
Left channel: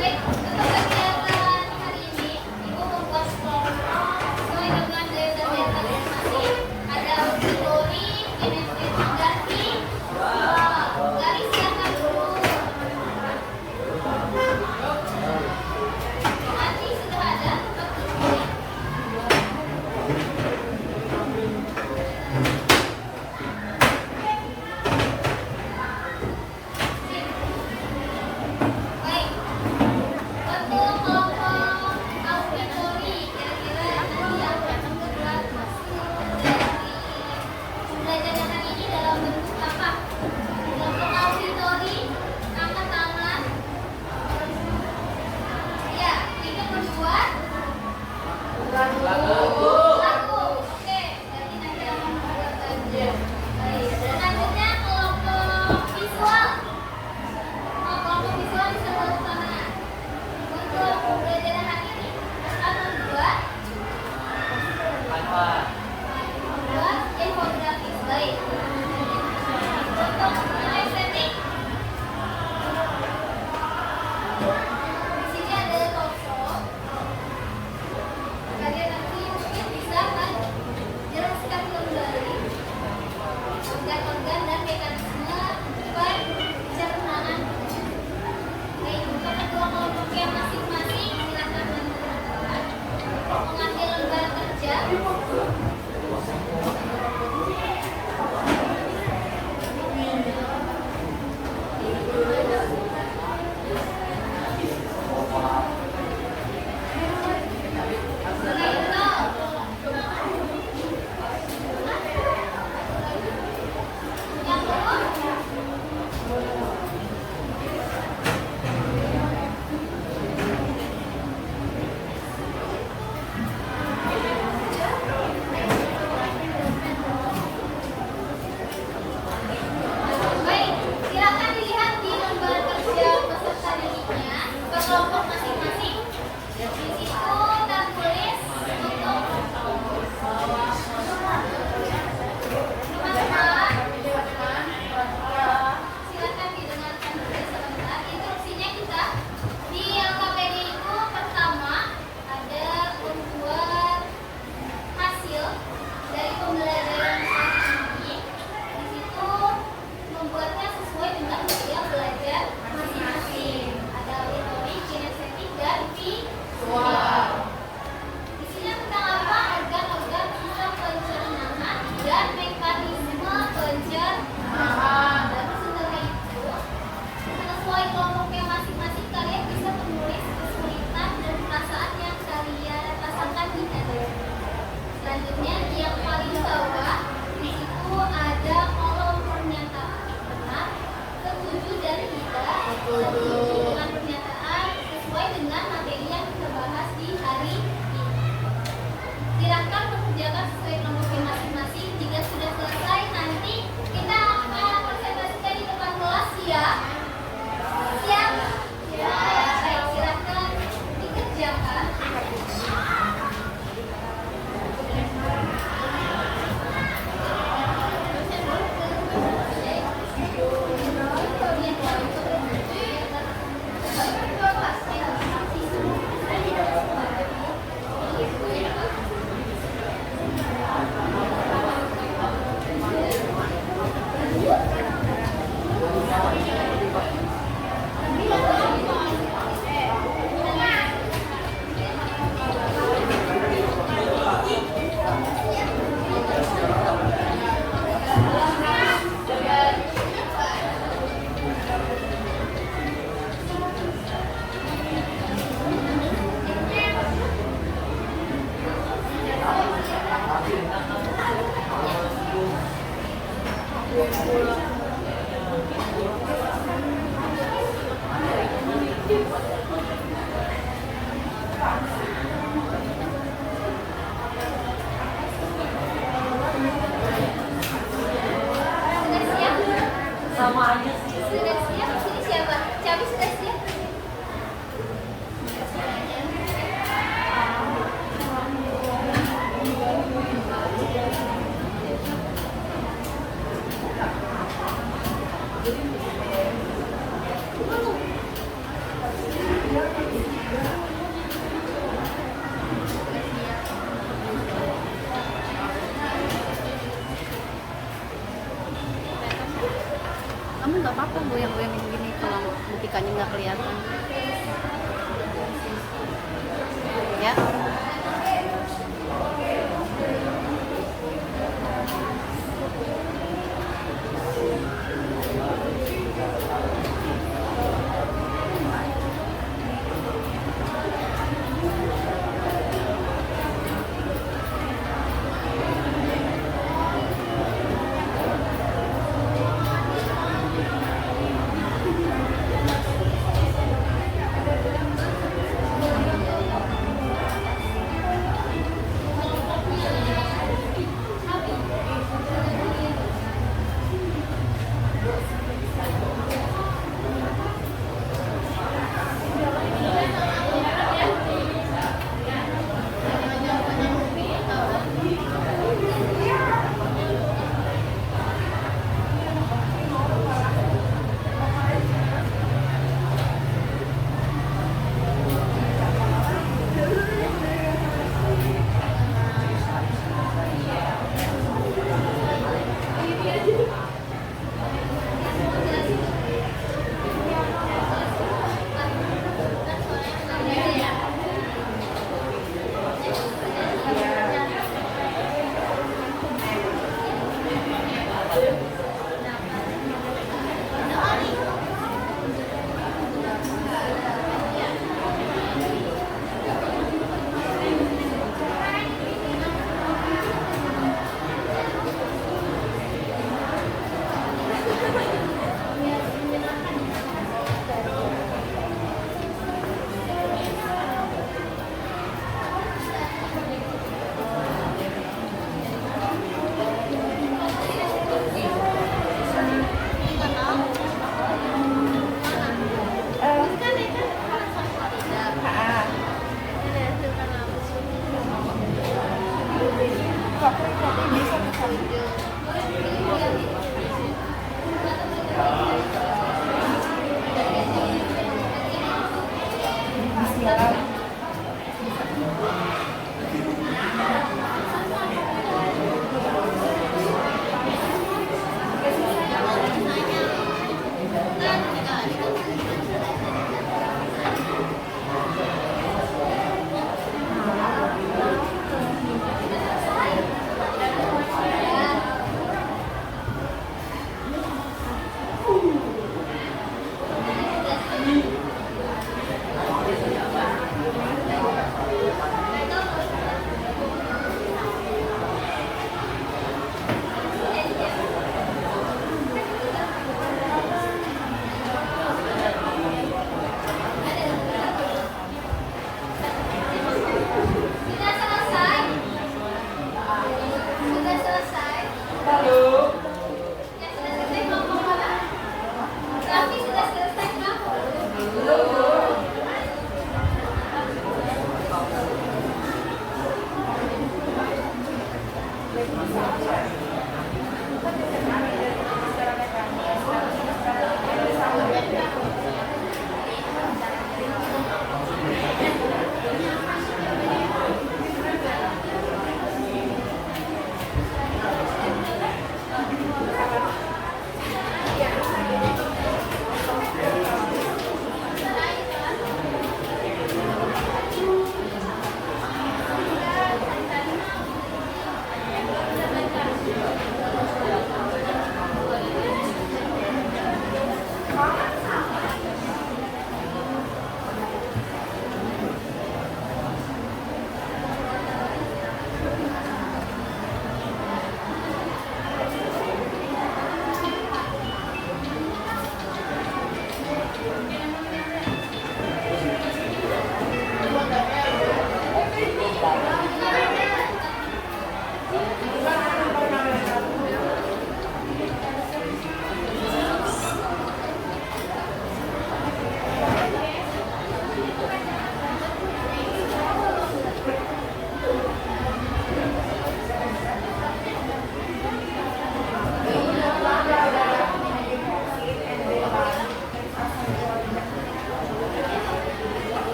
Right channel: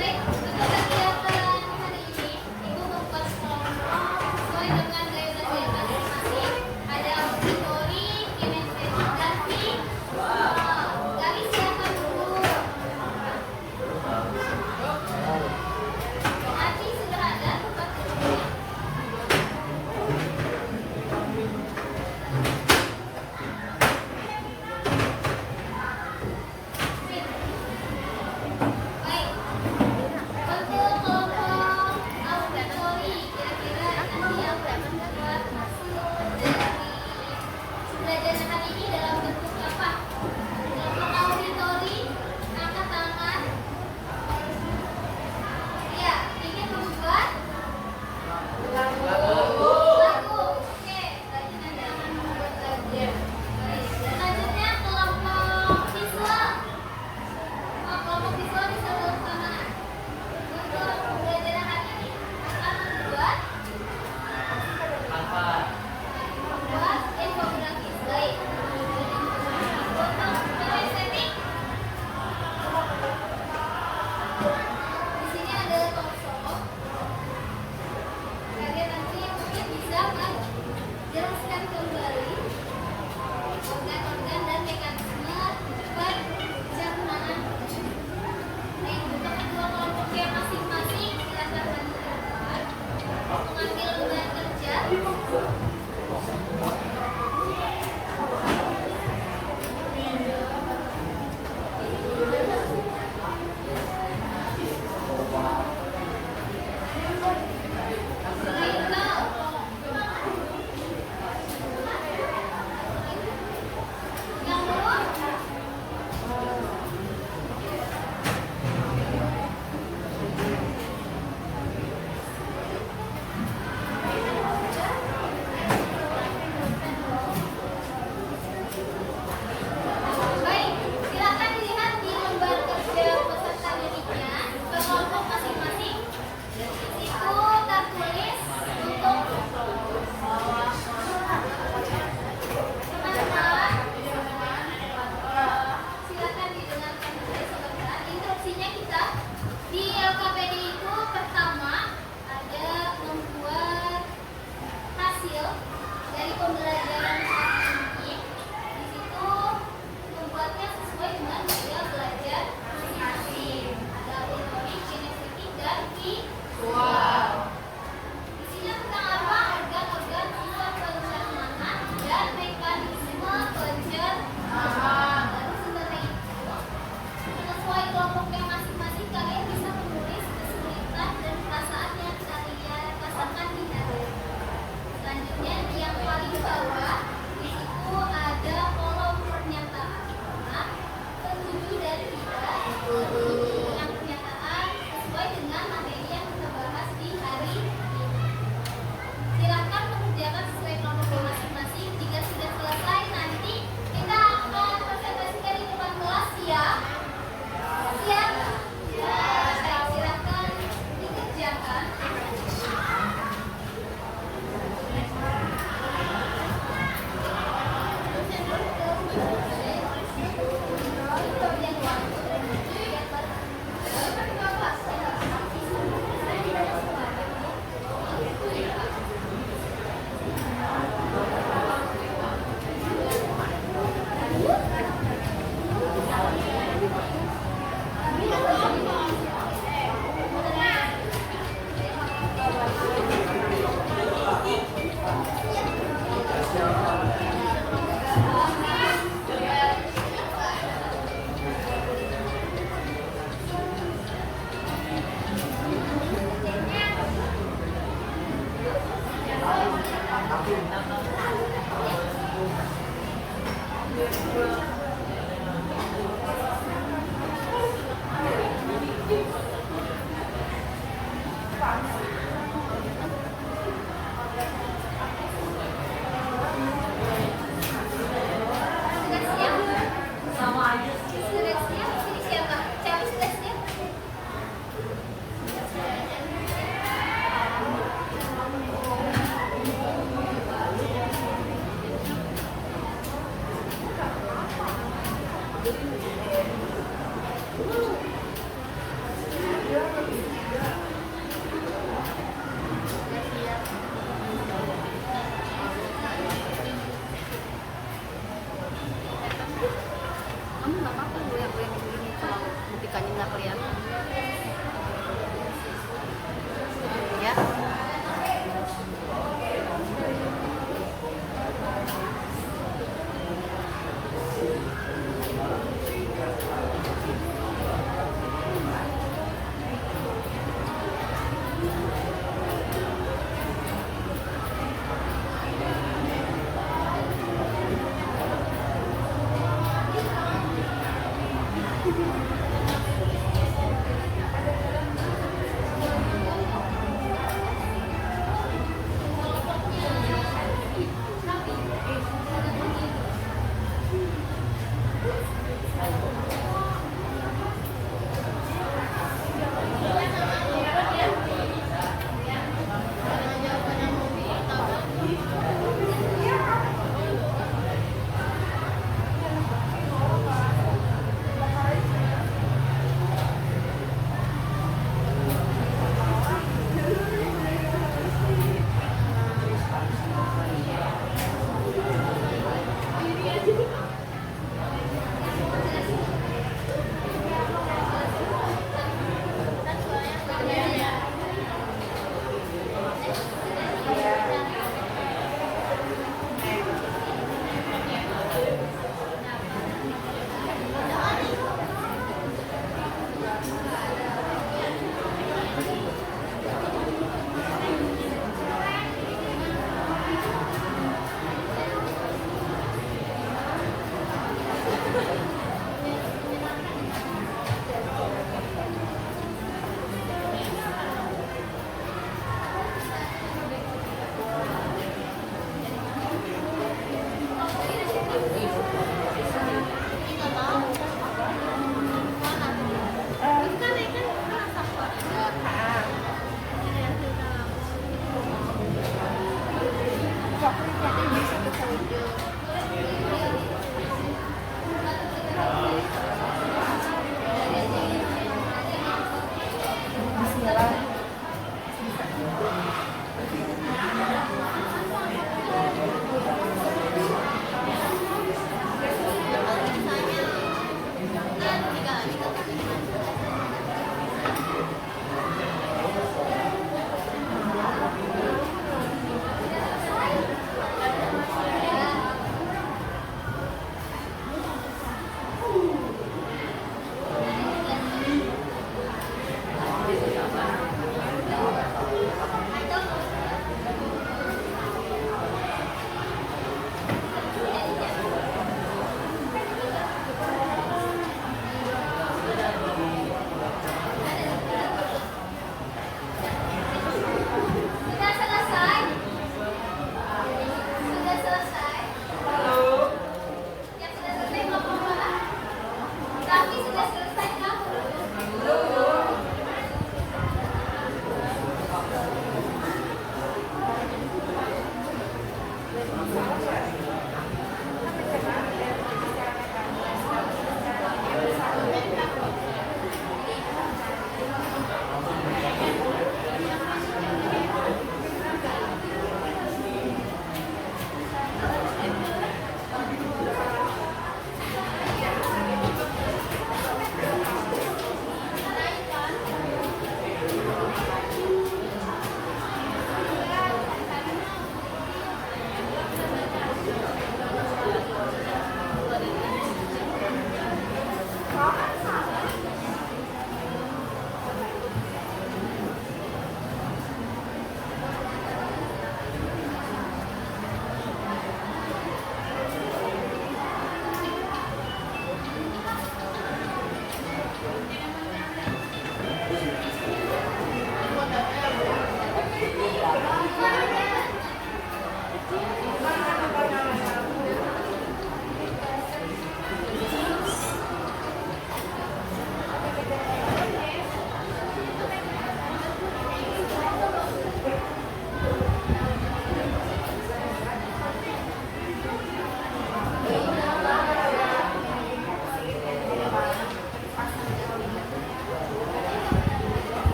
Baik, untuk kegiatan hari ini, Ibu membuat kelompok sesuai dengan daya dan masing-masing. Ada auditori, kinestetik, dan visual. Garis silakan dulu. Nanti sudah ada waktunya. Baik.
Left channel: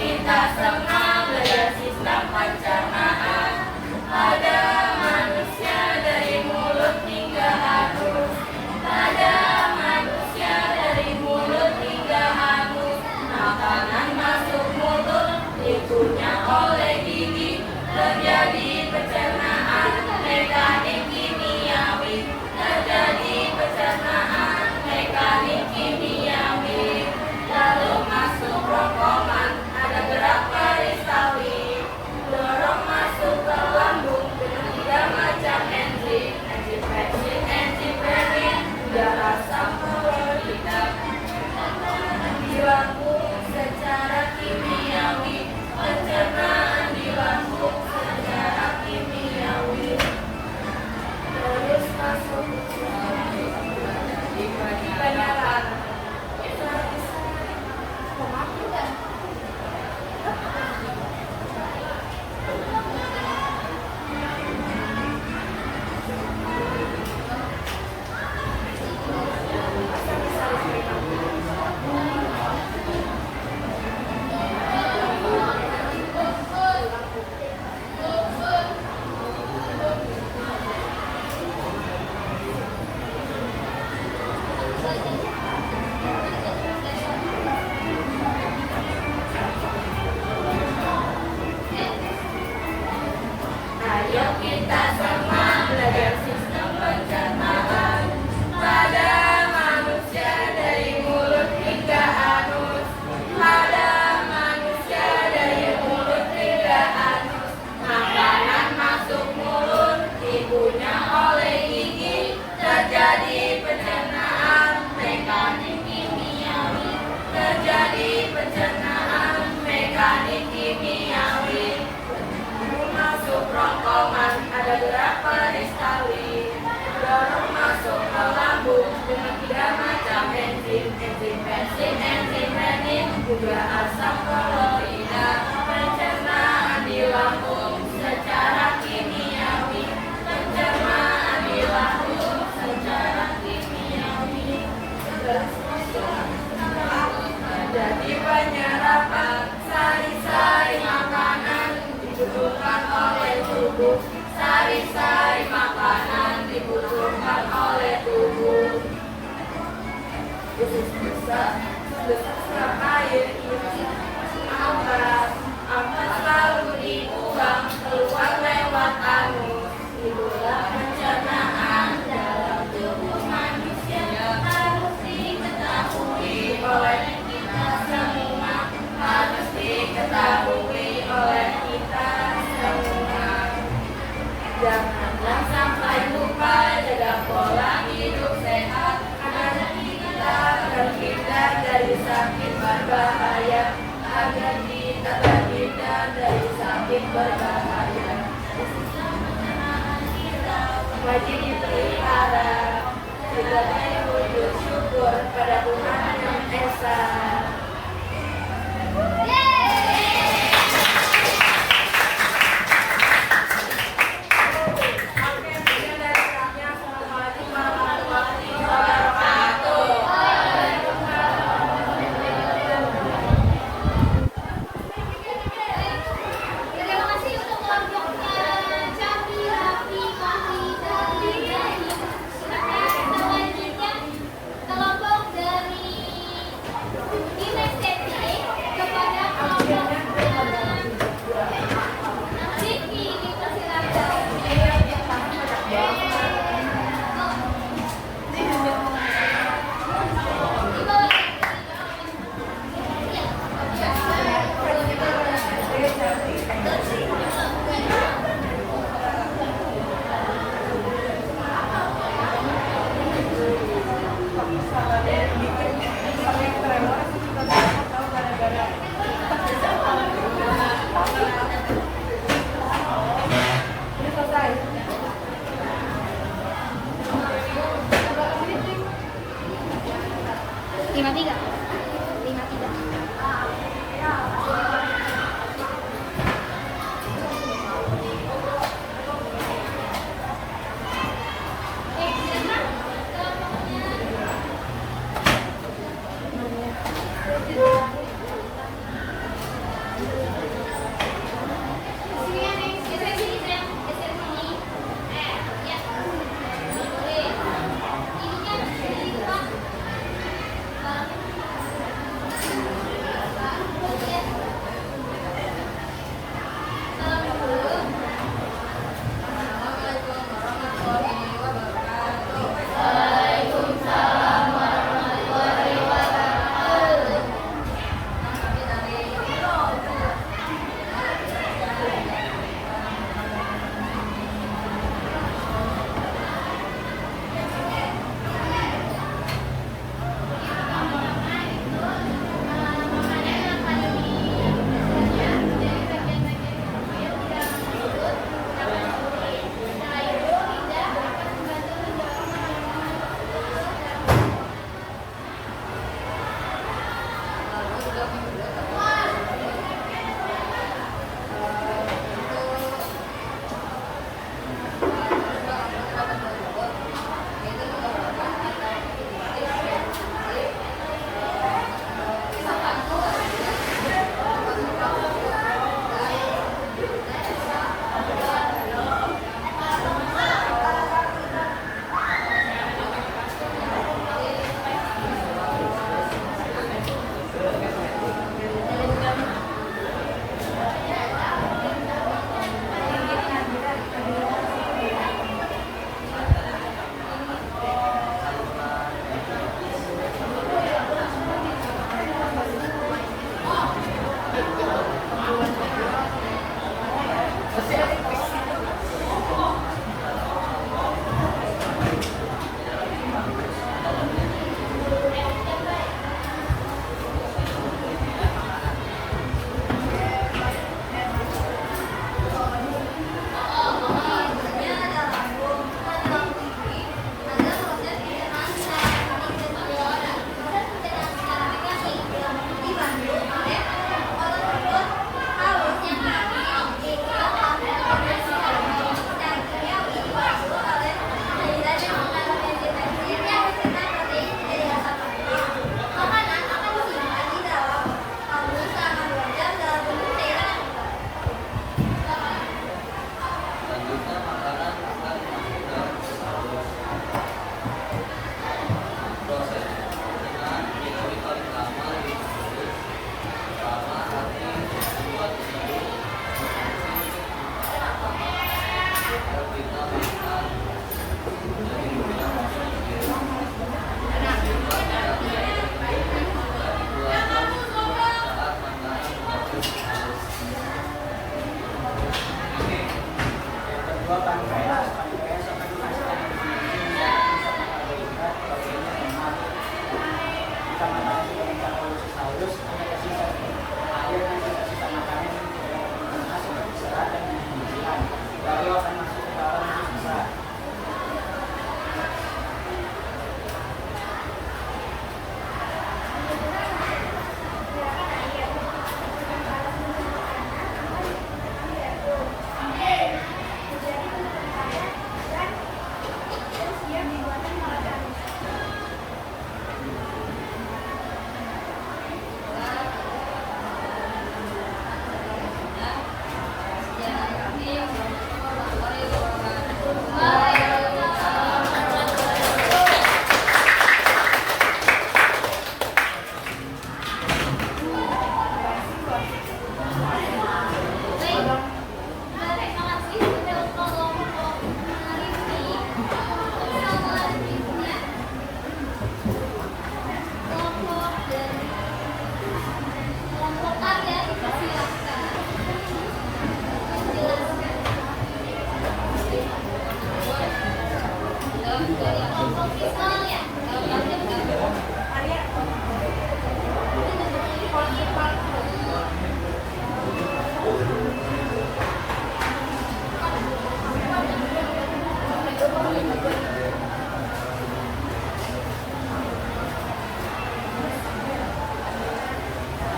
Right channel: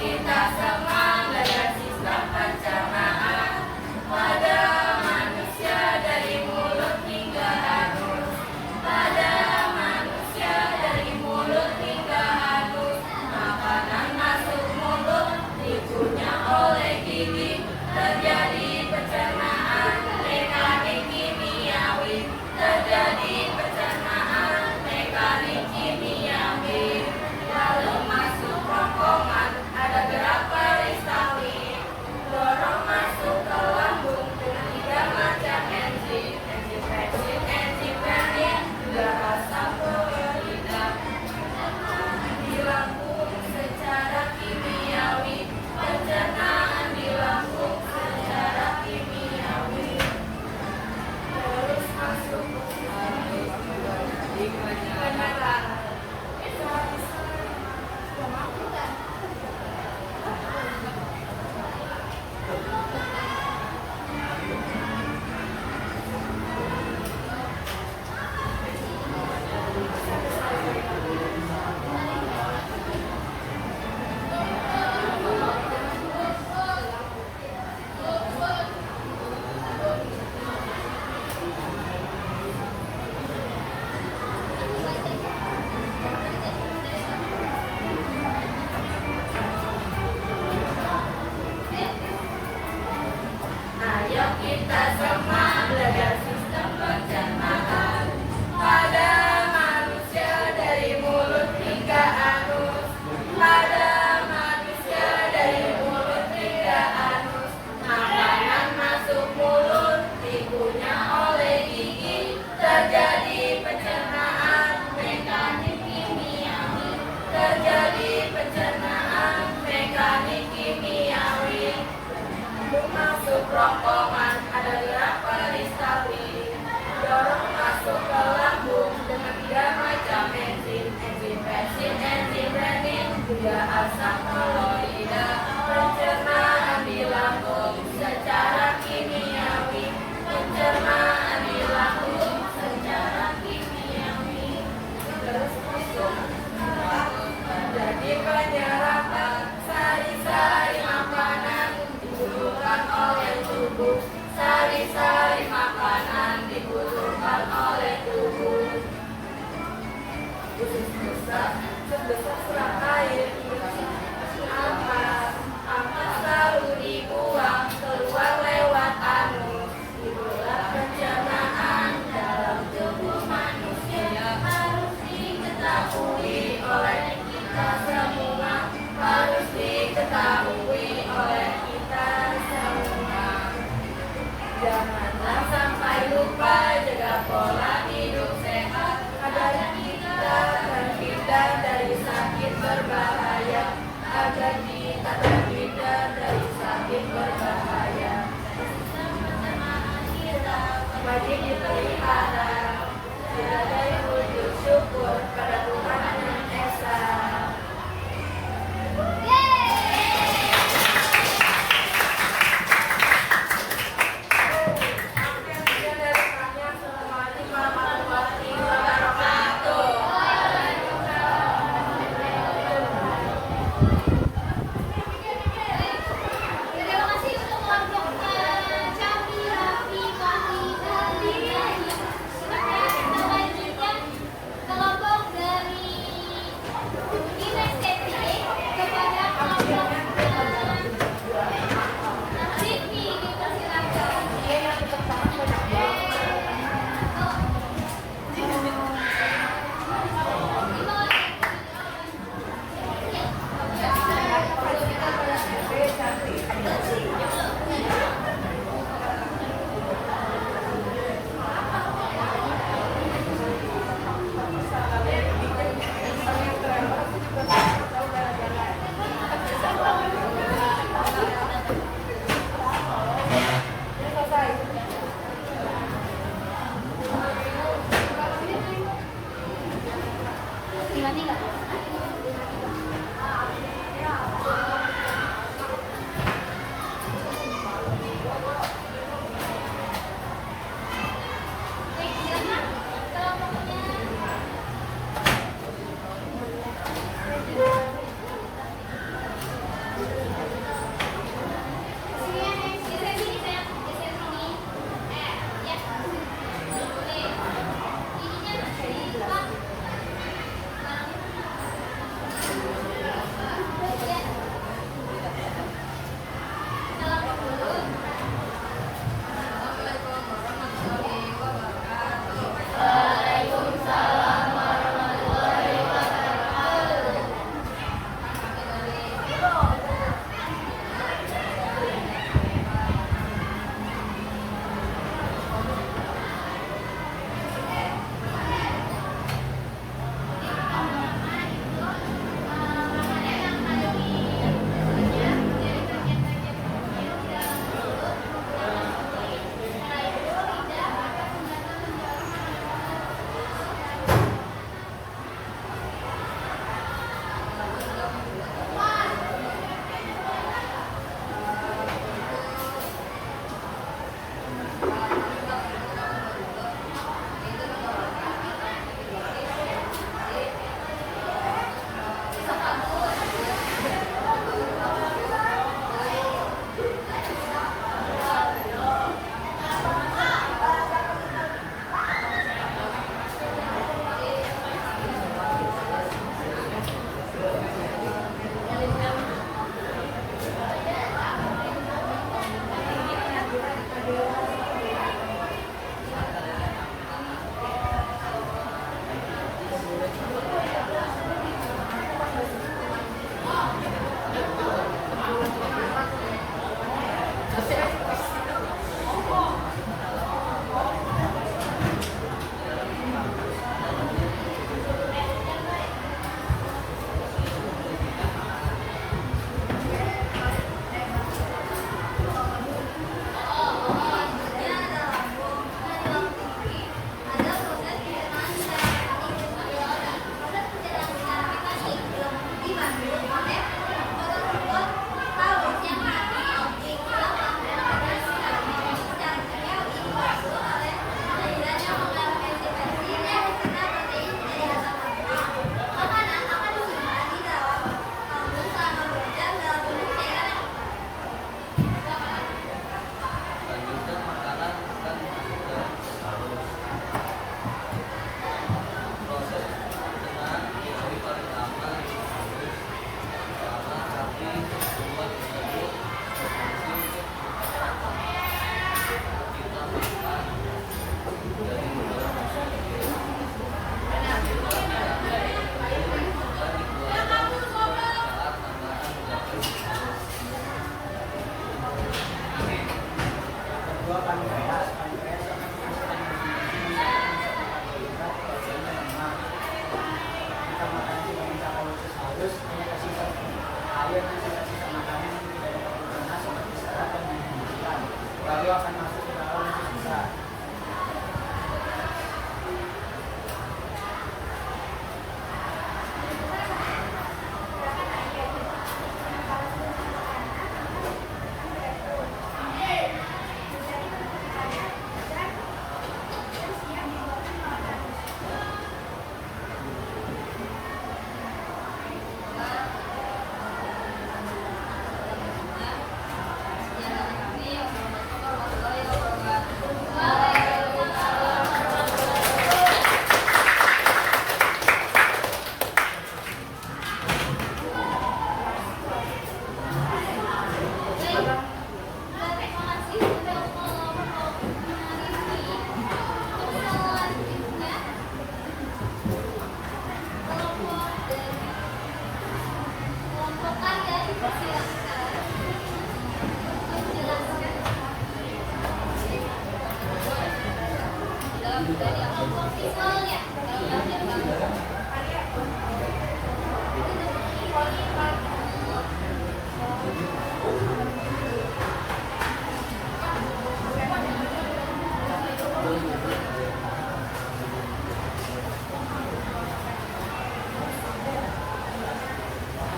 kita semua belajar sistem pencernaan pada manusia dari mulut hingga anus. Pada manusia dari mulut hingga anus, makanan masuk mulut dikunyah oleh gigi, terjadi pencernaan mekanik kimiawi, terjadi pencernaan mekanik kimiawi. Lalu masuk rongkongan, ada gerak peristawi, dorong masuk ke lambung dengan 3 macam enzim, enzim peksin, enzim renin, hingga asam klorida. Di lambung secara kimiawi, pencernaan di lambung secara kimiawi. Terus masuk di penyerapan. Ayo kita semua belajar sistem pencernaan pada manusia dari mulut hingga anus. Pada manusia dari mulut hingga anus, makanan masuk mulut dikunyah oleh gigi, terjadi pencernaan mekanik kimiawi, terjadi pencernaan mekanik kimiawi. Masuk rongkongan, ada gerak peristawi, dorong masuk ke lambung dengan 3 macam enzim, enzim peksin, enzim renin, juga asam klorida. Pencernaan di lambung secara kimiawi, pencernaan di lambung secara kimiawi. Terus masuk jadi penyerapan, sari-sari makanan dibutuhkan oleh tubuh, sari-sari makanan dibutuhkan oleh tubuh. Usus besar serap air, angkat selalu dibuang keluar lewat anus. Itulah pencernaan dalam tubuh manusia, harus diketahui oleh kita semua, harus diketahui oleh kita semua. Janganlah sampai lupa jaga pola hidup sehat agar kita terhindar dari sakit berbahaya, agar kita terhindar dari sakit berbahaya. Sistem pencernaan kita wajib dipelihara. Kita bersyukur pada Tuhan yang Esa. Terima kasih untuk kelompoknya Cawi, Raffi, Fahri, dan Rizky. Selanjutnya kelompok dari Ines Septi kepada kelompok Rizky, dipersilakan.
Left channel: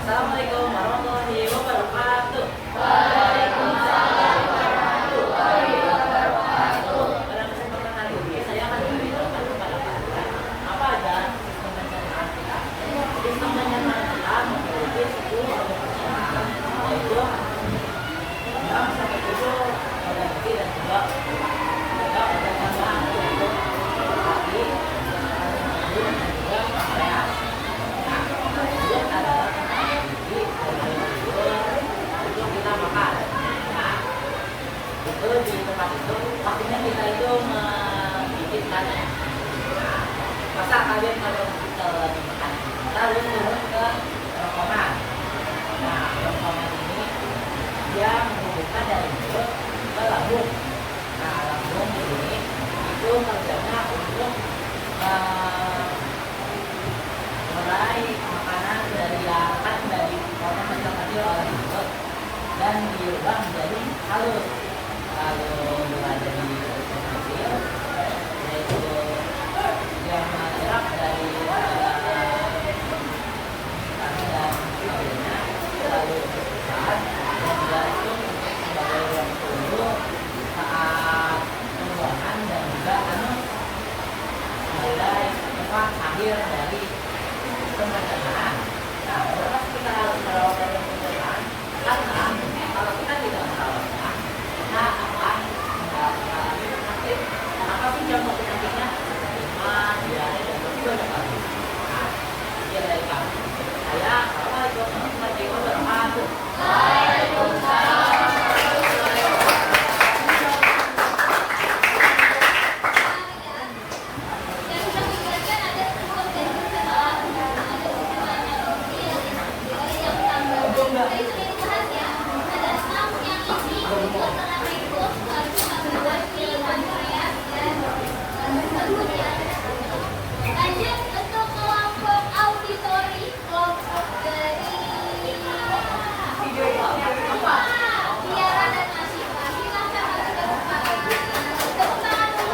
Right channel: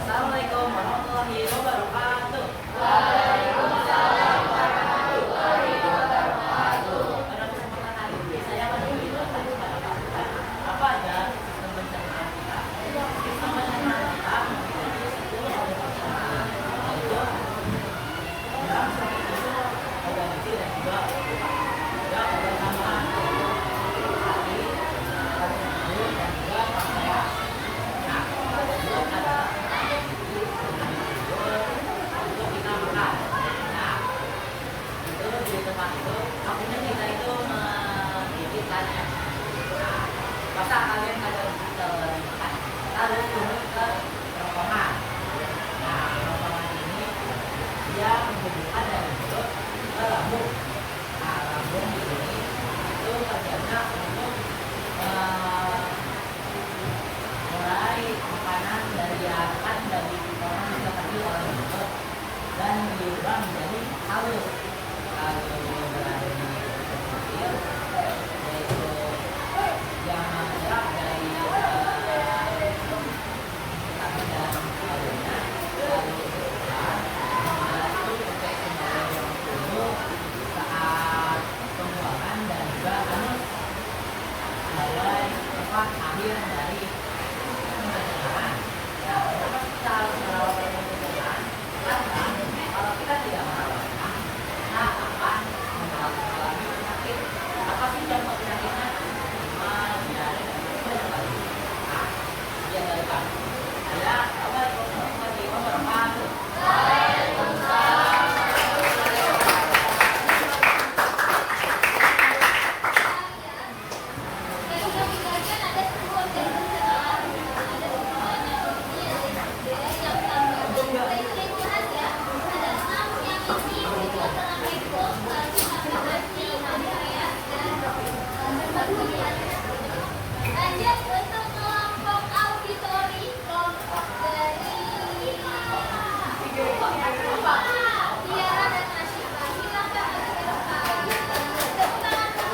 Assalamualaikum warahmatullahi wabarakatuh. Pada kesempatan hari ini saya akan memberitahukan kepada kalian apa aja sistem pencernaan kita. Sistem pencernaan kita memiliki 10 organ pencernaan, yaitu 6 sampai 7 organ inti dan juga organ tambahan, yaitu hati, pencernaan jantung, dan juga pankreas. Nah, sebelum ada untuk kita makan. Nah, itu di tempat itu pastinya kita itu menggigitkan ya. Nah, masa kalian kalau kita makan, lalu turun ke kerongkongan. Nah, kerongkongan ini dia menghubungkan dari mulut ke lambung. Nah, lambung ini itu kerjanya untuk meraih makanan dari yang kan dari orang kecil-kecil oleh mulut dan diubah menjadi halus. Lalu berada di kecil, yaitu yang menyerap dari kami dan sebagainya, lalu besar dan berasuk untuk sebagai ruang tunggu saat pembuangan dan juga sebagai tempat akhir dari pencernaan. Nah, kenapa kita harus merawat dari pencernaan? Karena kalau kita tidak merawatnya, kita akan mengalami penyakit. Apa sih contoh penyakitnya? Tidak ada dan masih banyak lagi. Nah, sekian dari kami. Saya, Assalamualaikum warahmatullahi wabarakatuh. Lanjut untuk kelompok auditori, kelompok dari Tiara dan Asyifa. Silakan maju ke depan. Boleh maju semuanya, silakan.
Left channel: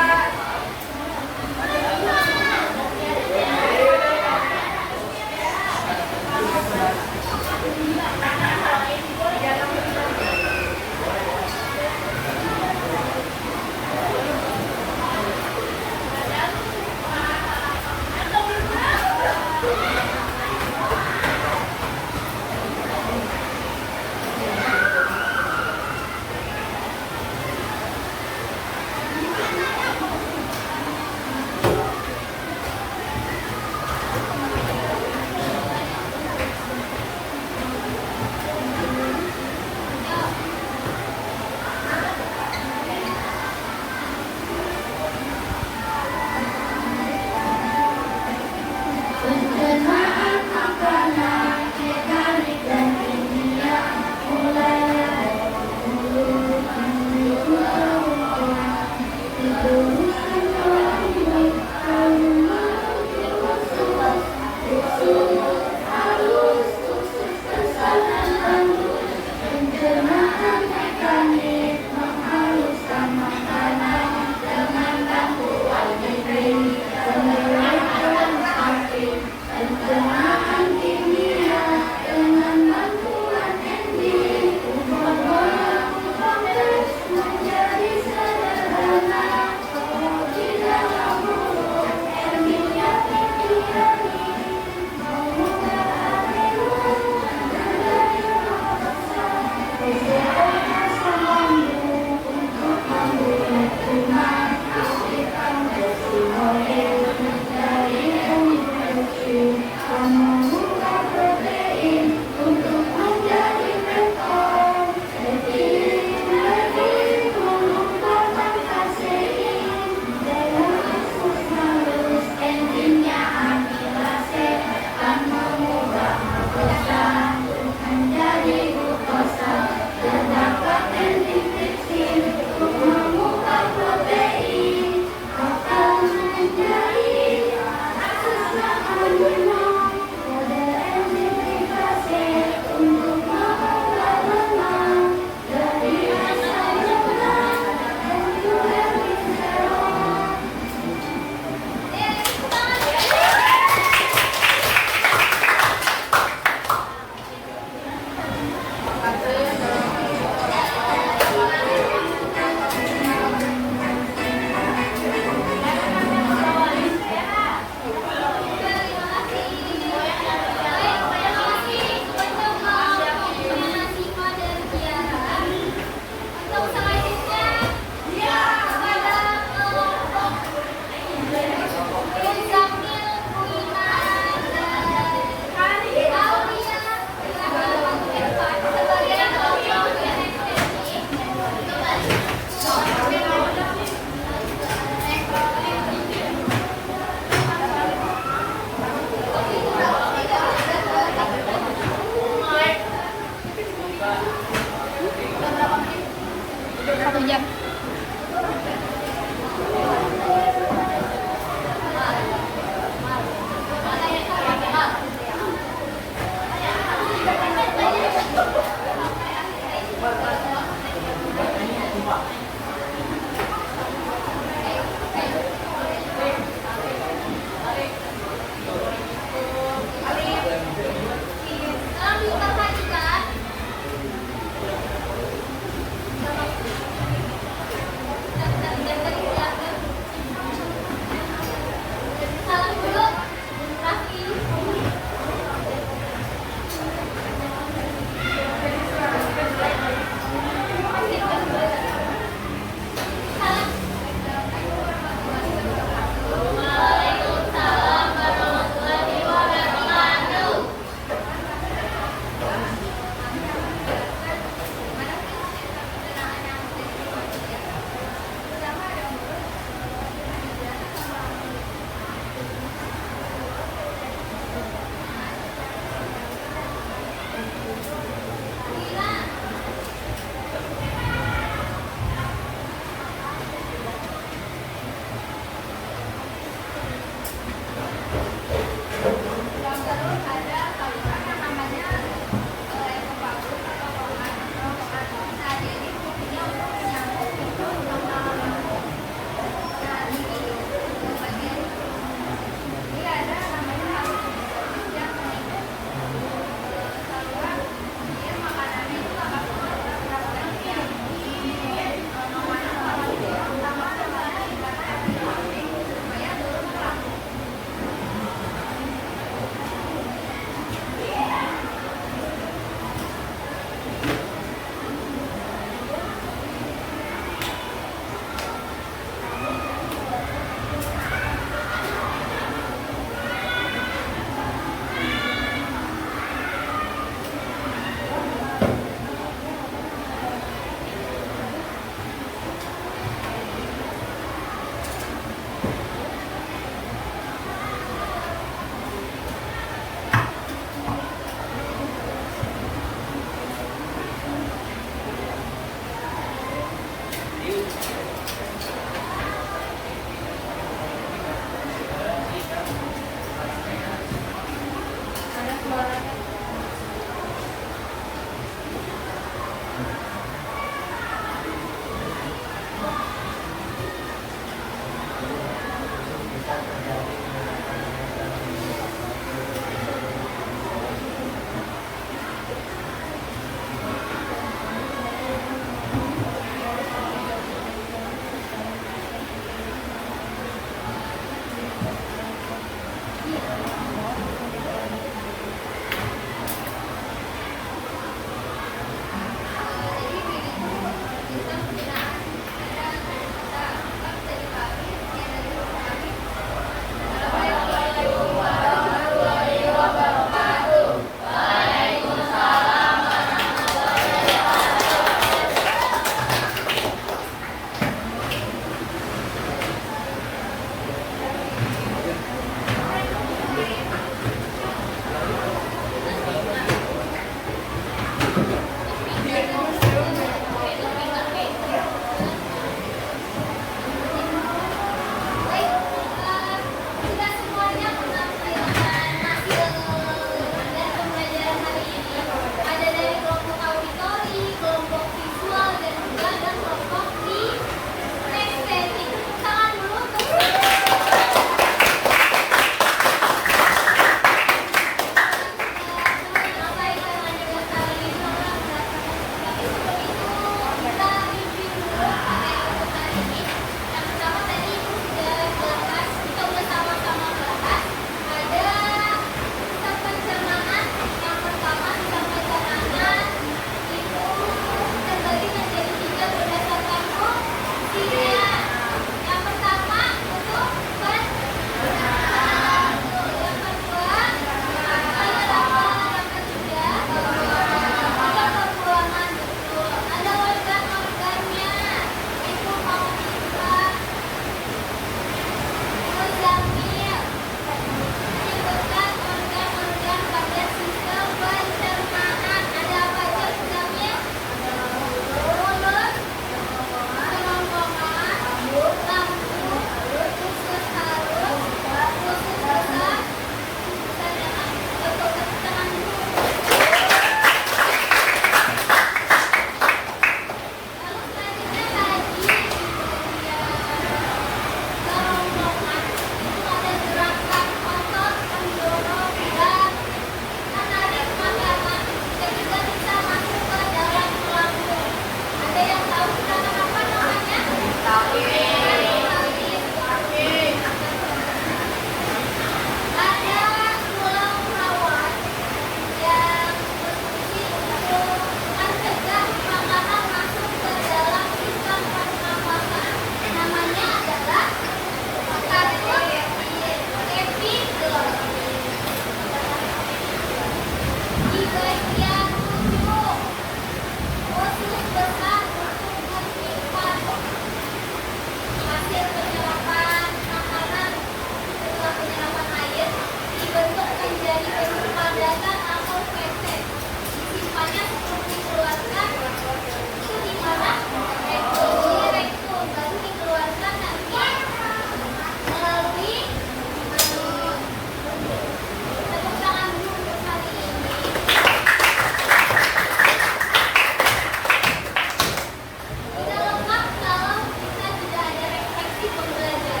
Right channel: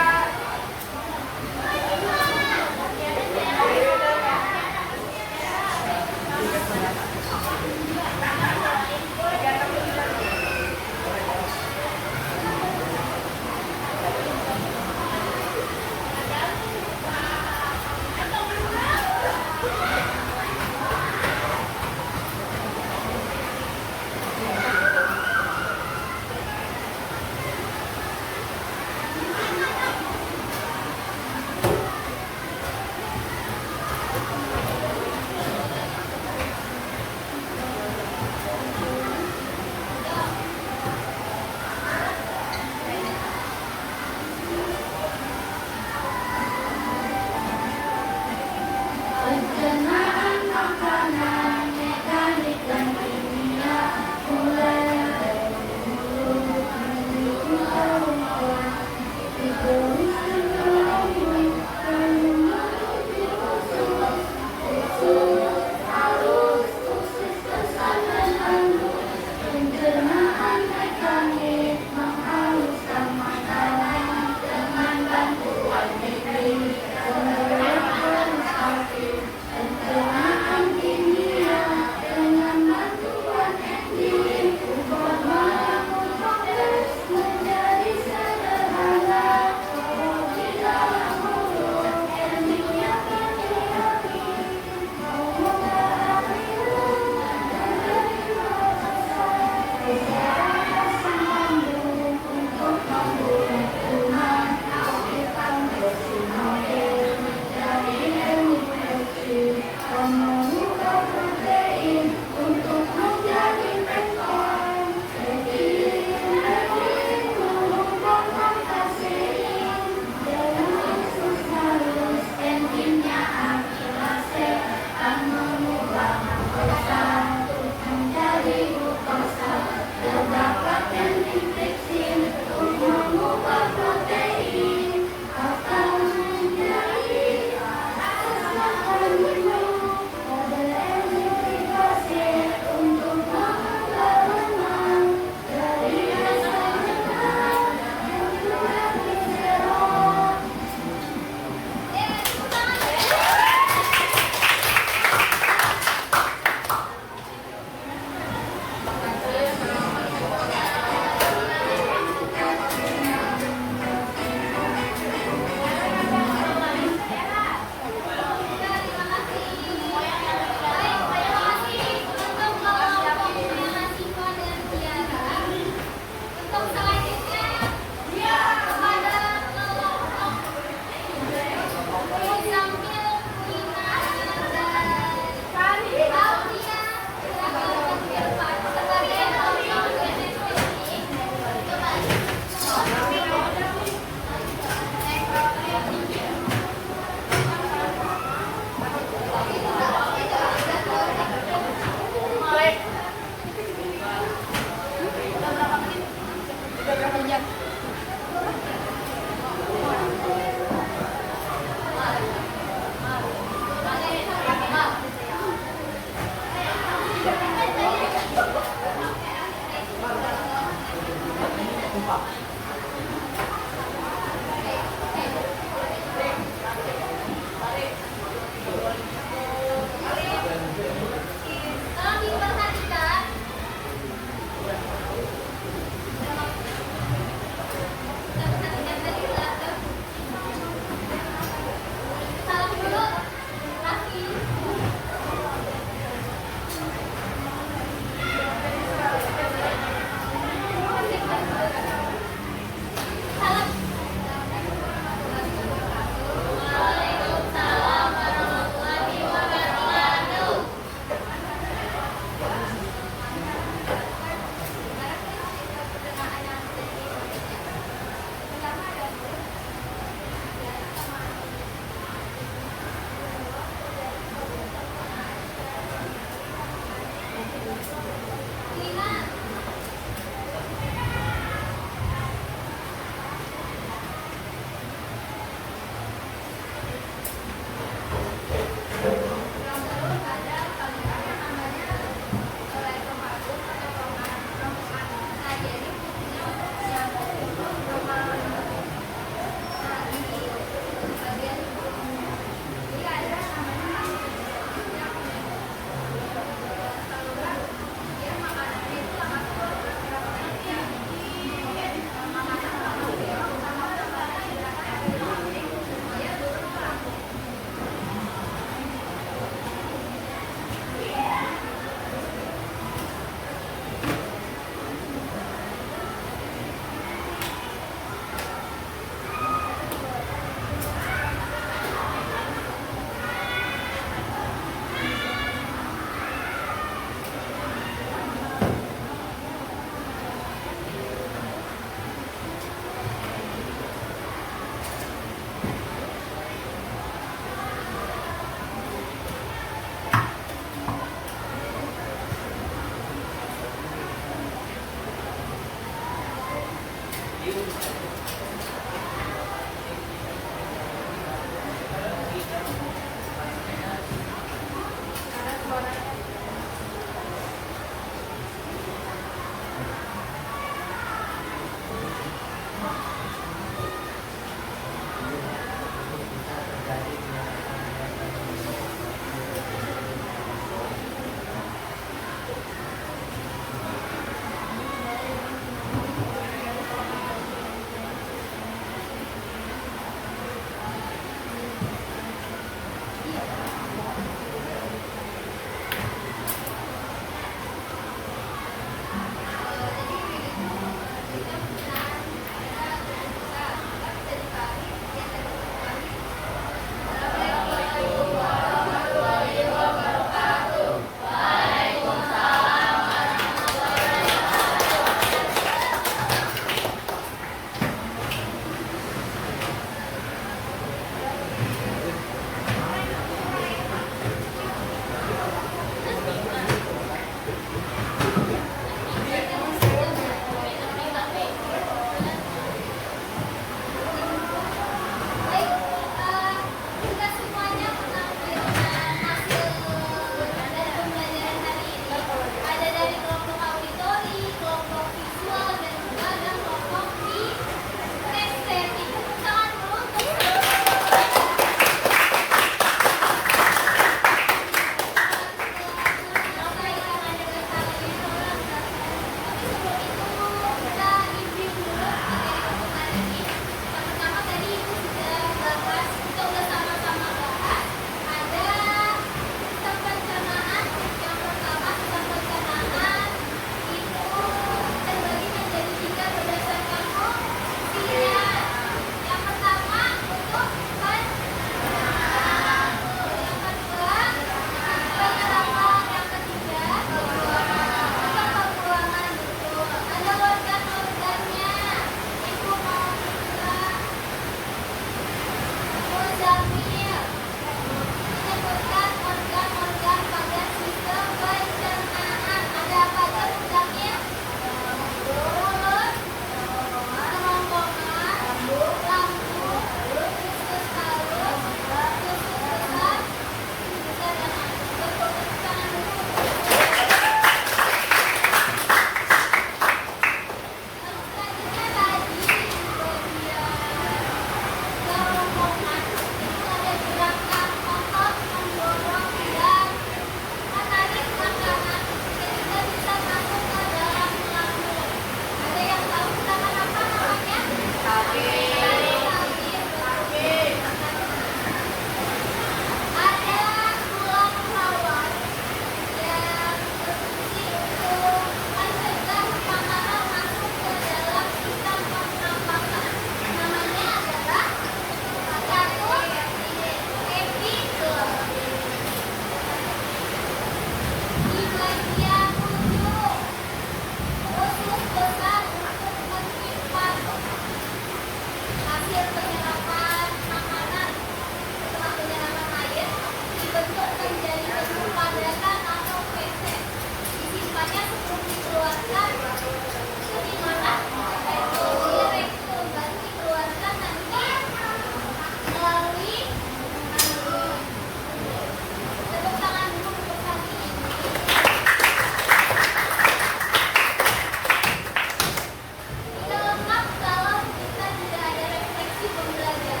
belajar.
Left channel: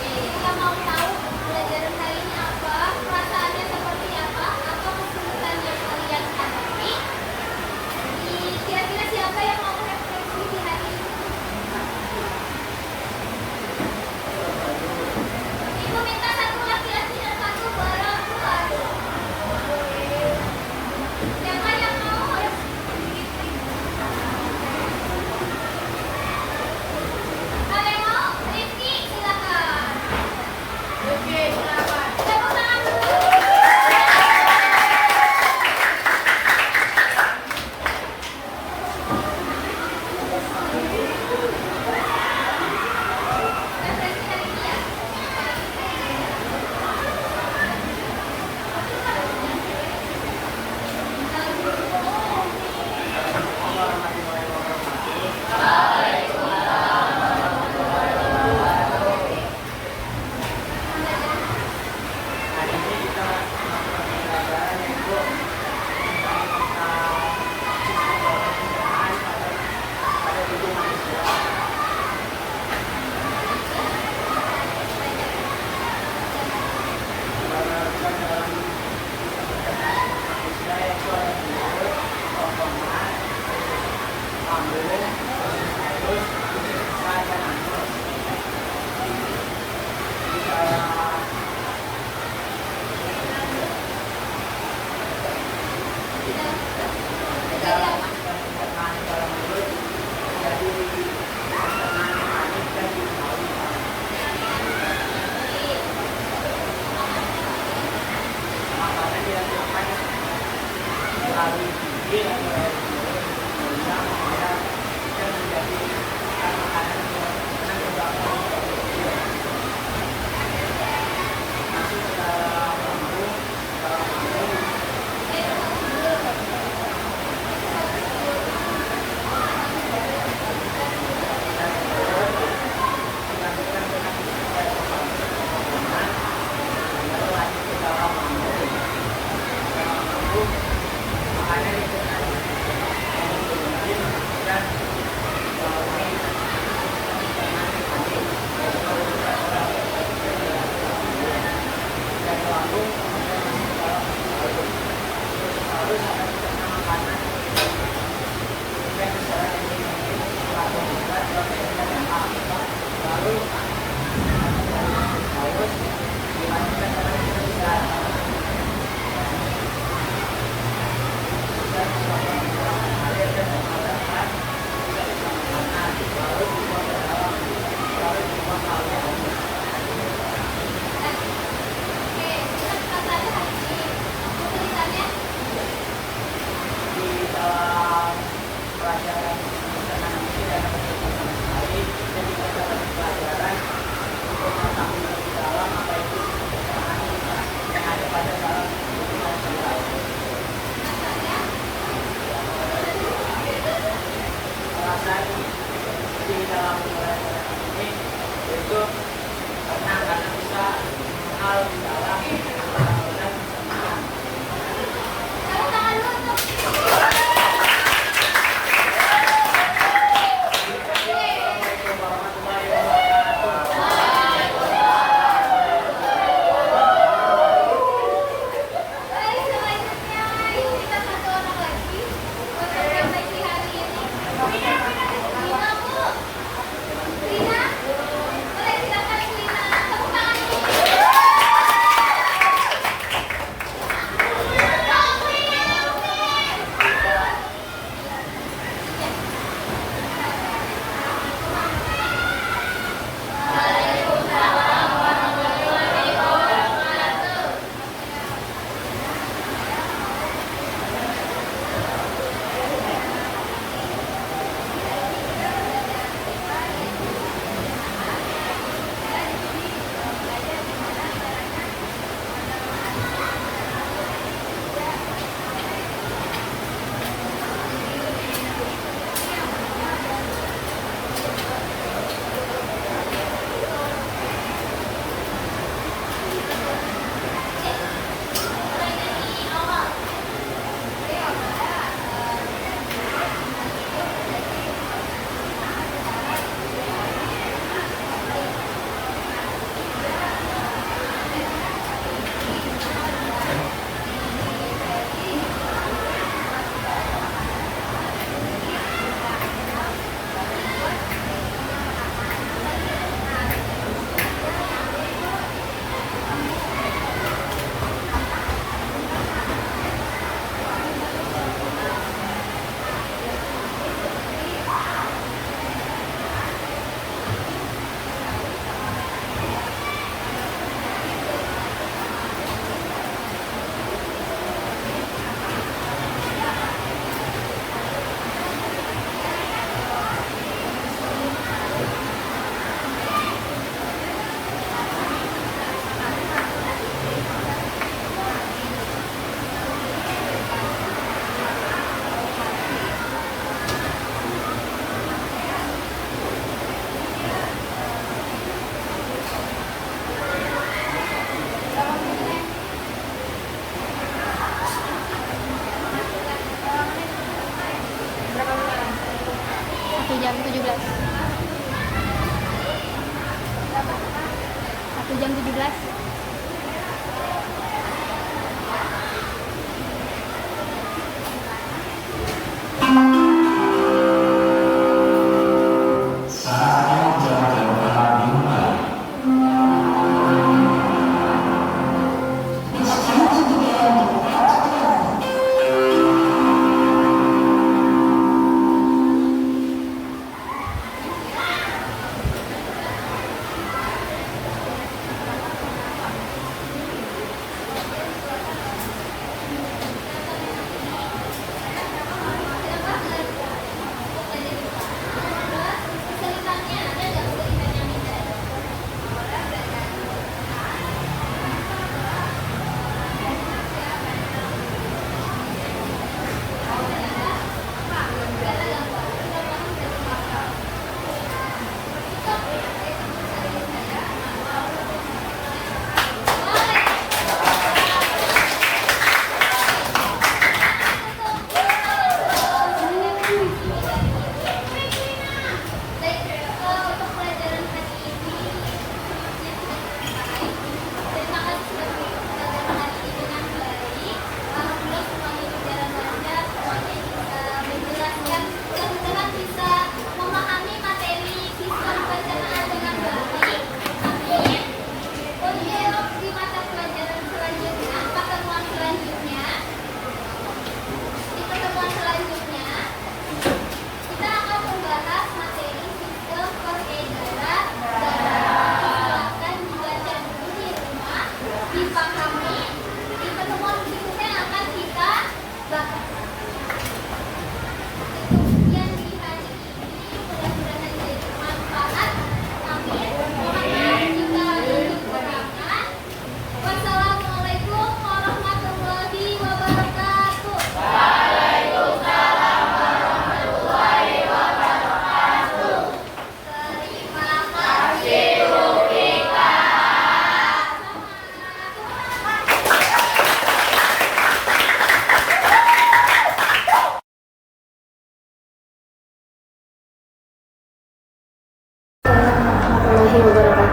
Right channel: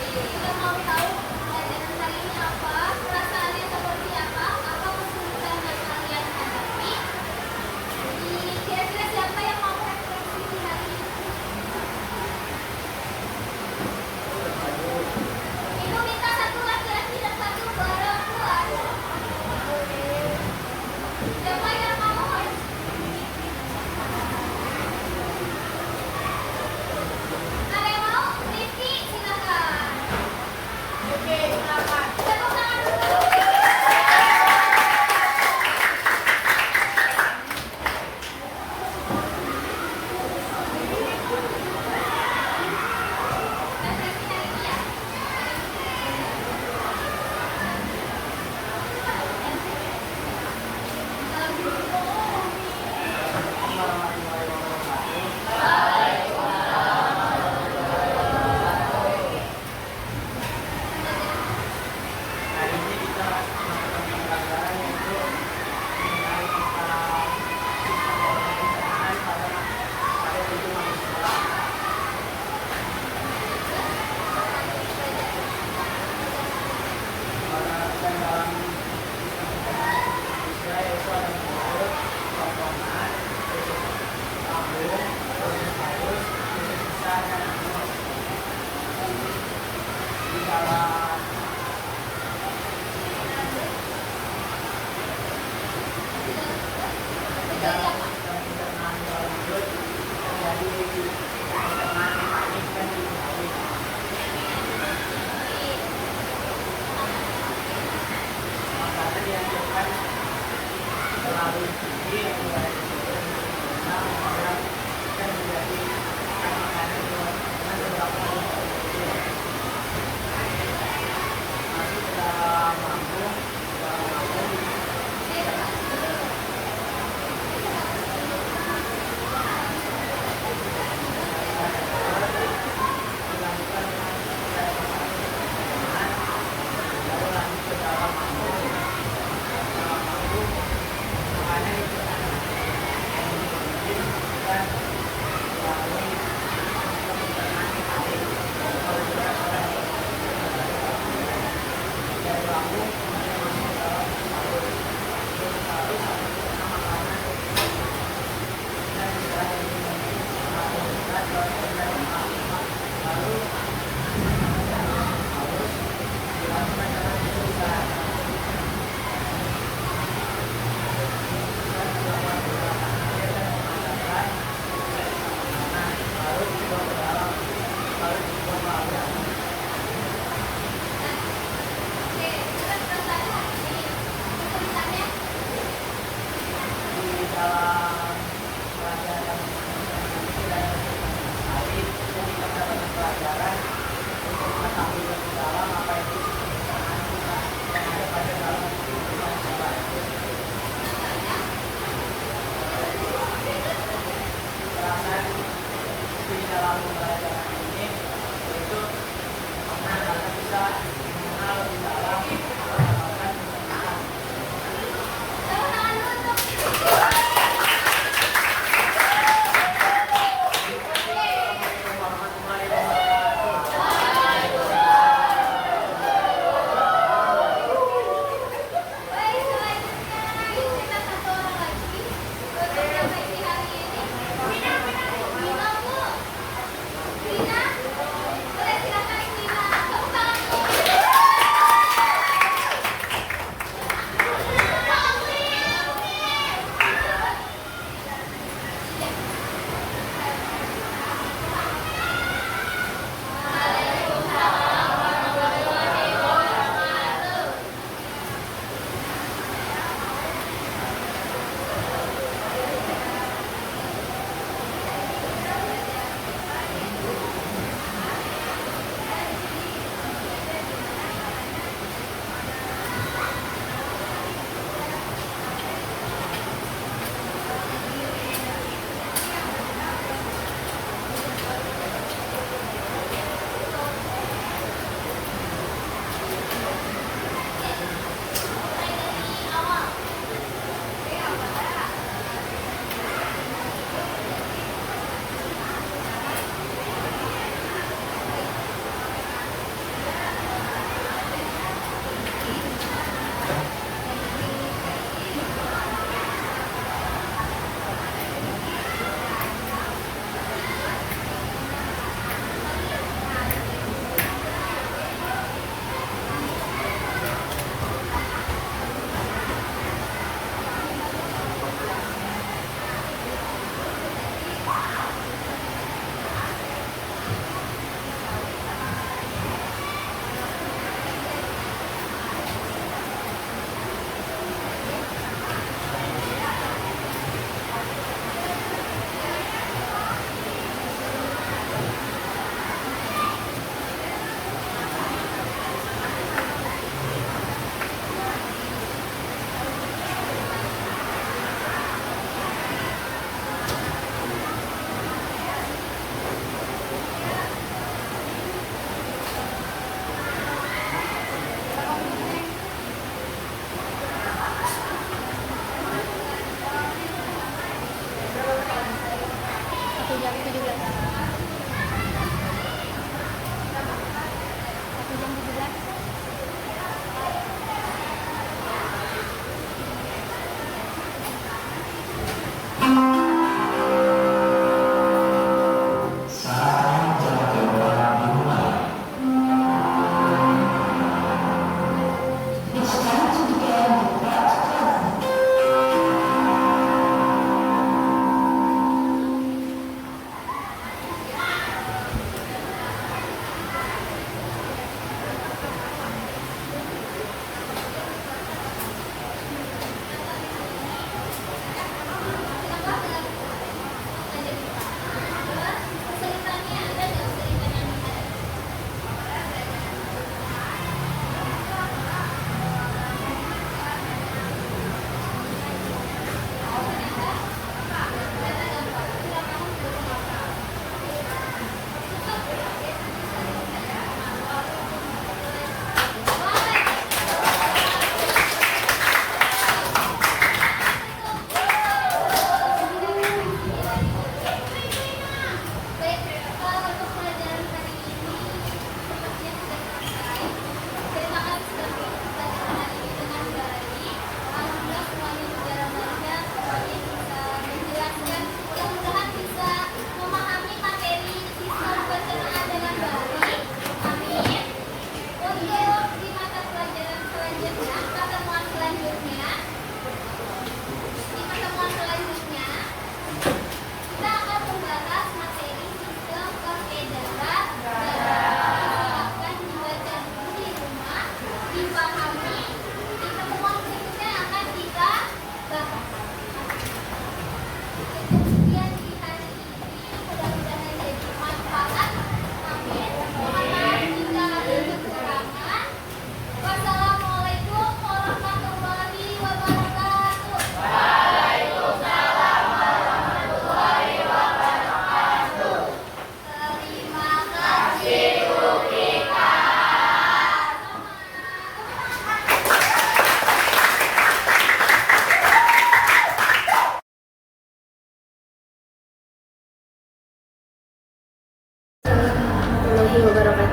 Kita mau tahu pelajaran kali ini apa, perasaannya seperti apa kesulitan yang kalian hadapi. Jadi kira-kira siapa yang mau refleksi di hari ini? Ibu minta satu laki-laki dan satu perempuan. Siapa yang mau? Ada yang mau? Rifki, silakan. Oke, silakan. Tepuk tangan dulu.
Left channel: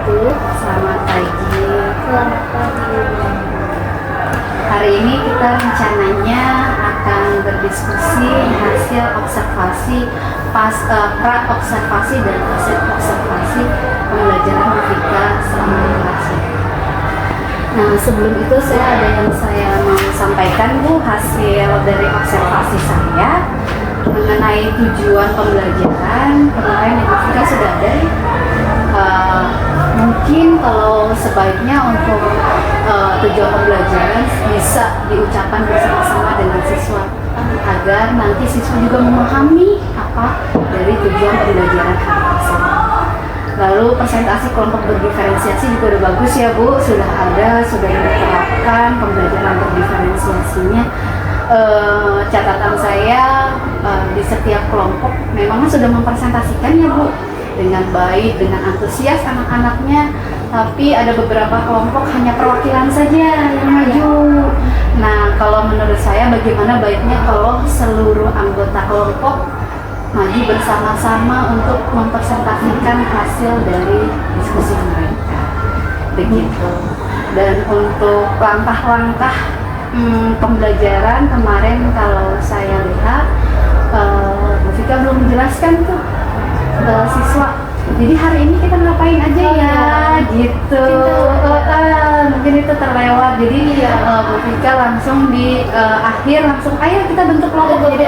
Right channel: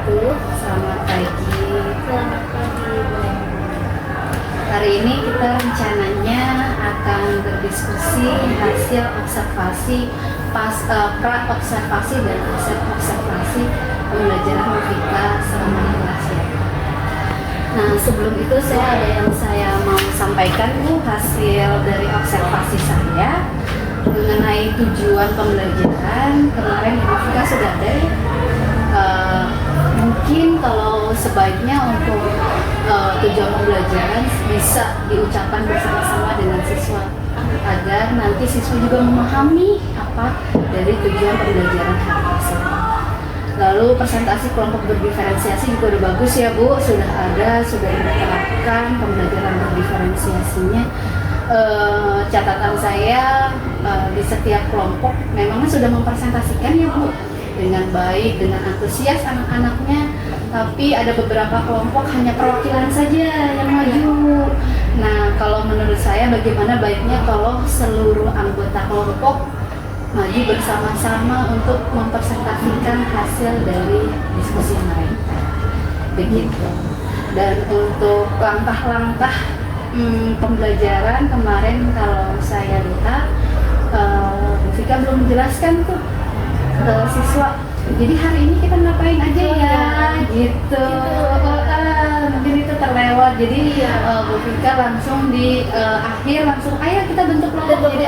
wabarakatuh. Selamat pagi. Selamat pagi. Hari ini kita rencananya akan berdiskusi hasil observasi pra-observasi dan observasi pembelajaran Mufika selama di kelas. Nah, sebelum itu saya mau sampaikan Bu hasil dari observasi saya mengenai tujuan pembelajaran. Kemarin di Mufika sudah ada. Mungkin kalau sebaiknya untuk tujuan pembelajaran bisa diucapkan bersama-sama dengan siswa agar nanti siswa juga memahami apa dari tujuan pembelajaran hari tersebut. Lalu presentasi kelompok berdiferensiasi juga udah bagus ya Bu, sudah ada, sudah diterapkan pembelajaran berdiferensiasinya. Catatan saya di setiap kelompok memang sudah mempresentasikan ya Bu dengan baik, dengan antusias anak-anaknya, tapi ada beberapa kelompok hanya perwakilan saja yang maju. Nah, kalau menurut saya bagaimana baiknya kalau seluruh anggota kelompok maju bersama-sama untuk mempresentasikan hasil dari diskusi mereka. Begitu. Dan untuk langkah-langkah pembelajaran kemarin kalau saya lihat Mufika belum menjelaskan tuh siswa. Jadi hari ini kita ngapain aja ya, gitu. Mungkin itu terlewat. Jadi Bu Fika langsung di akhir langsung ayo kita bentuk kelompok. Jadi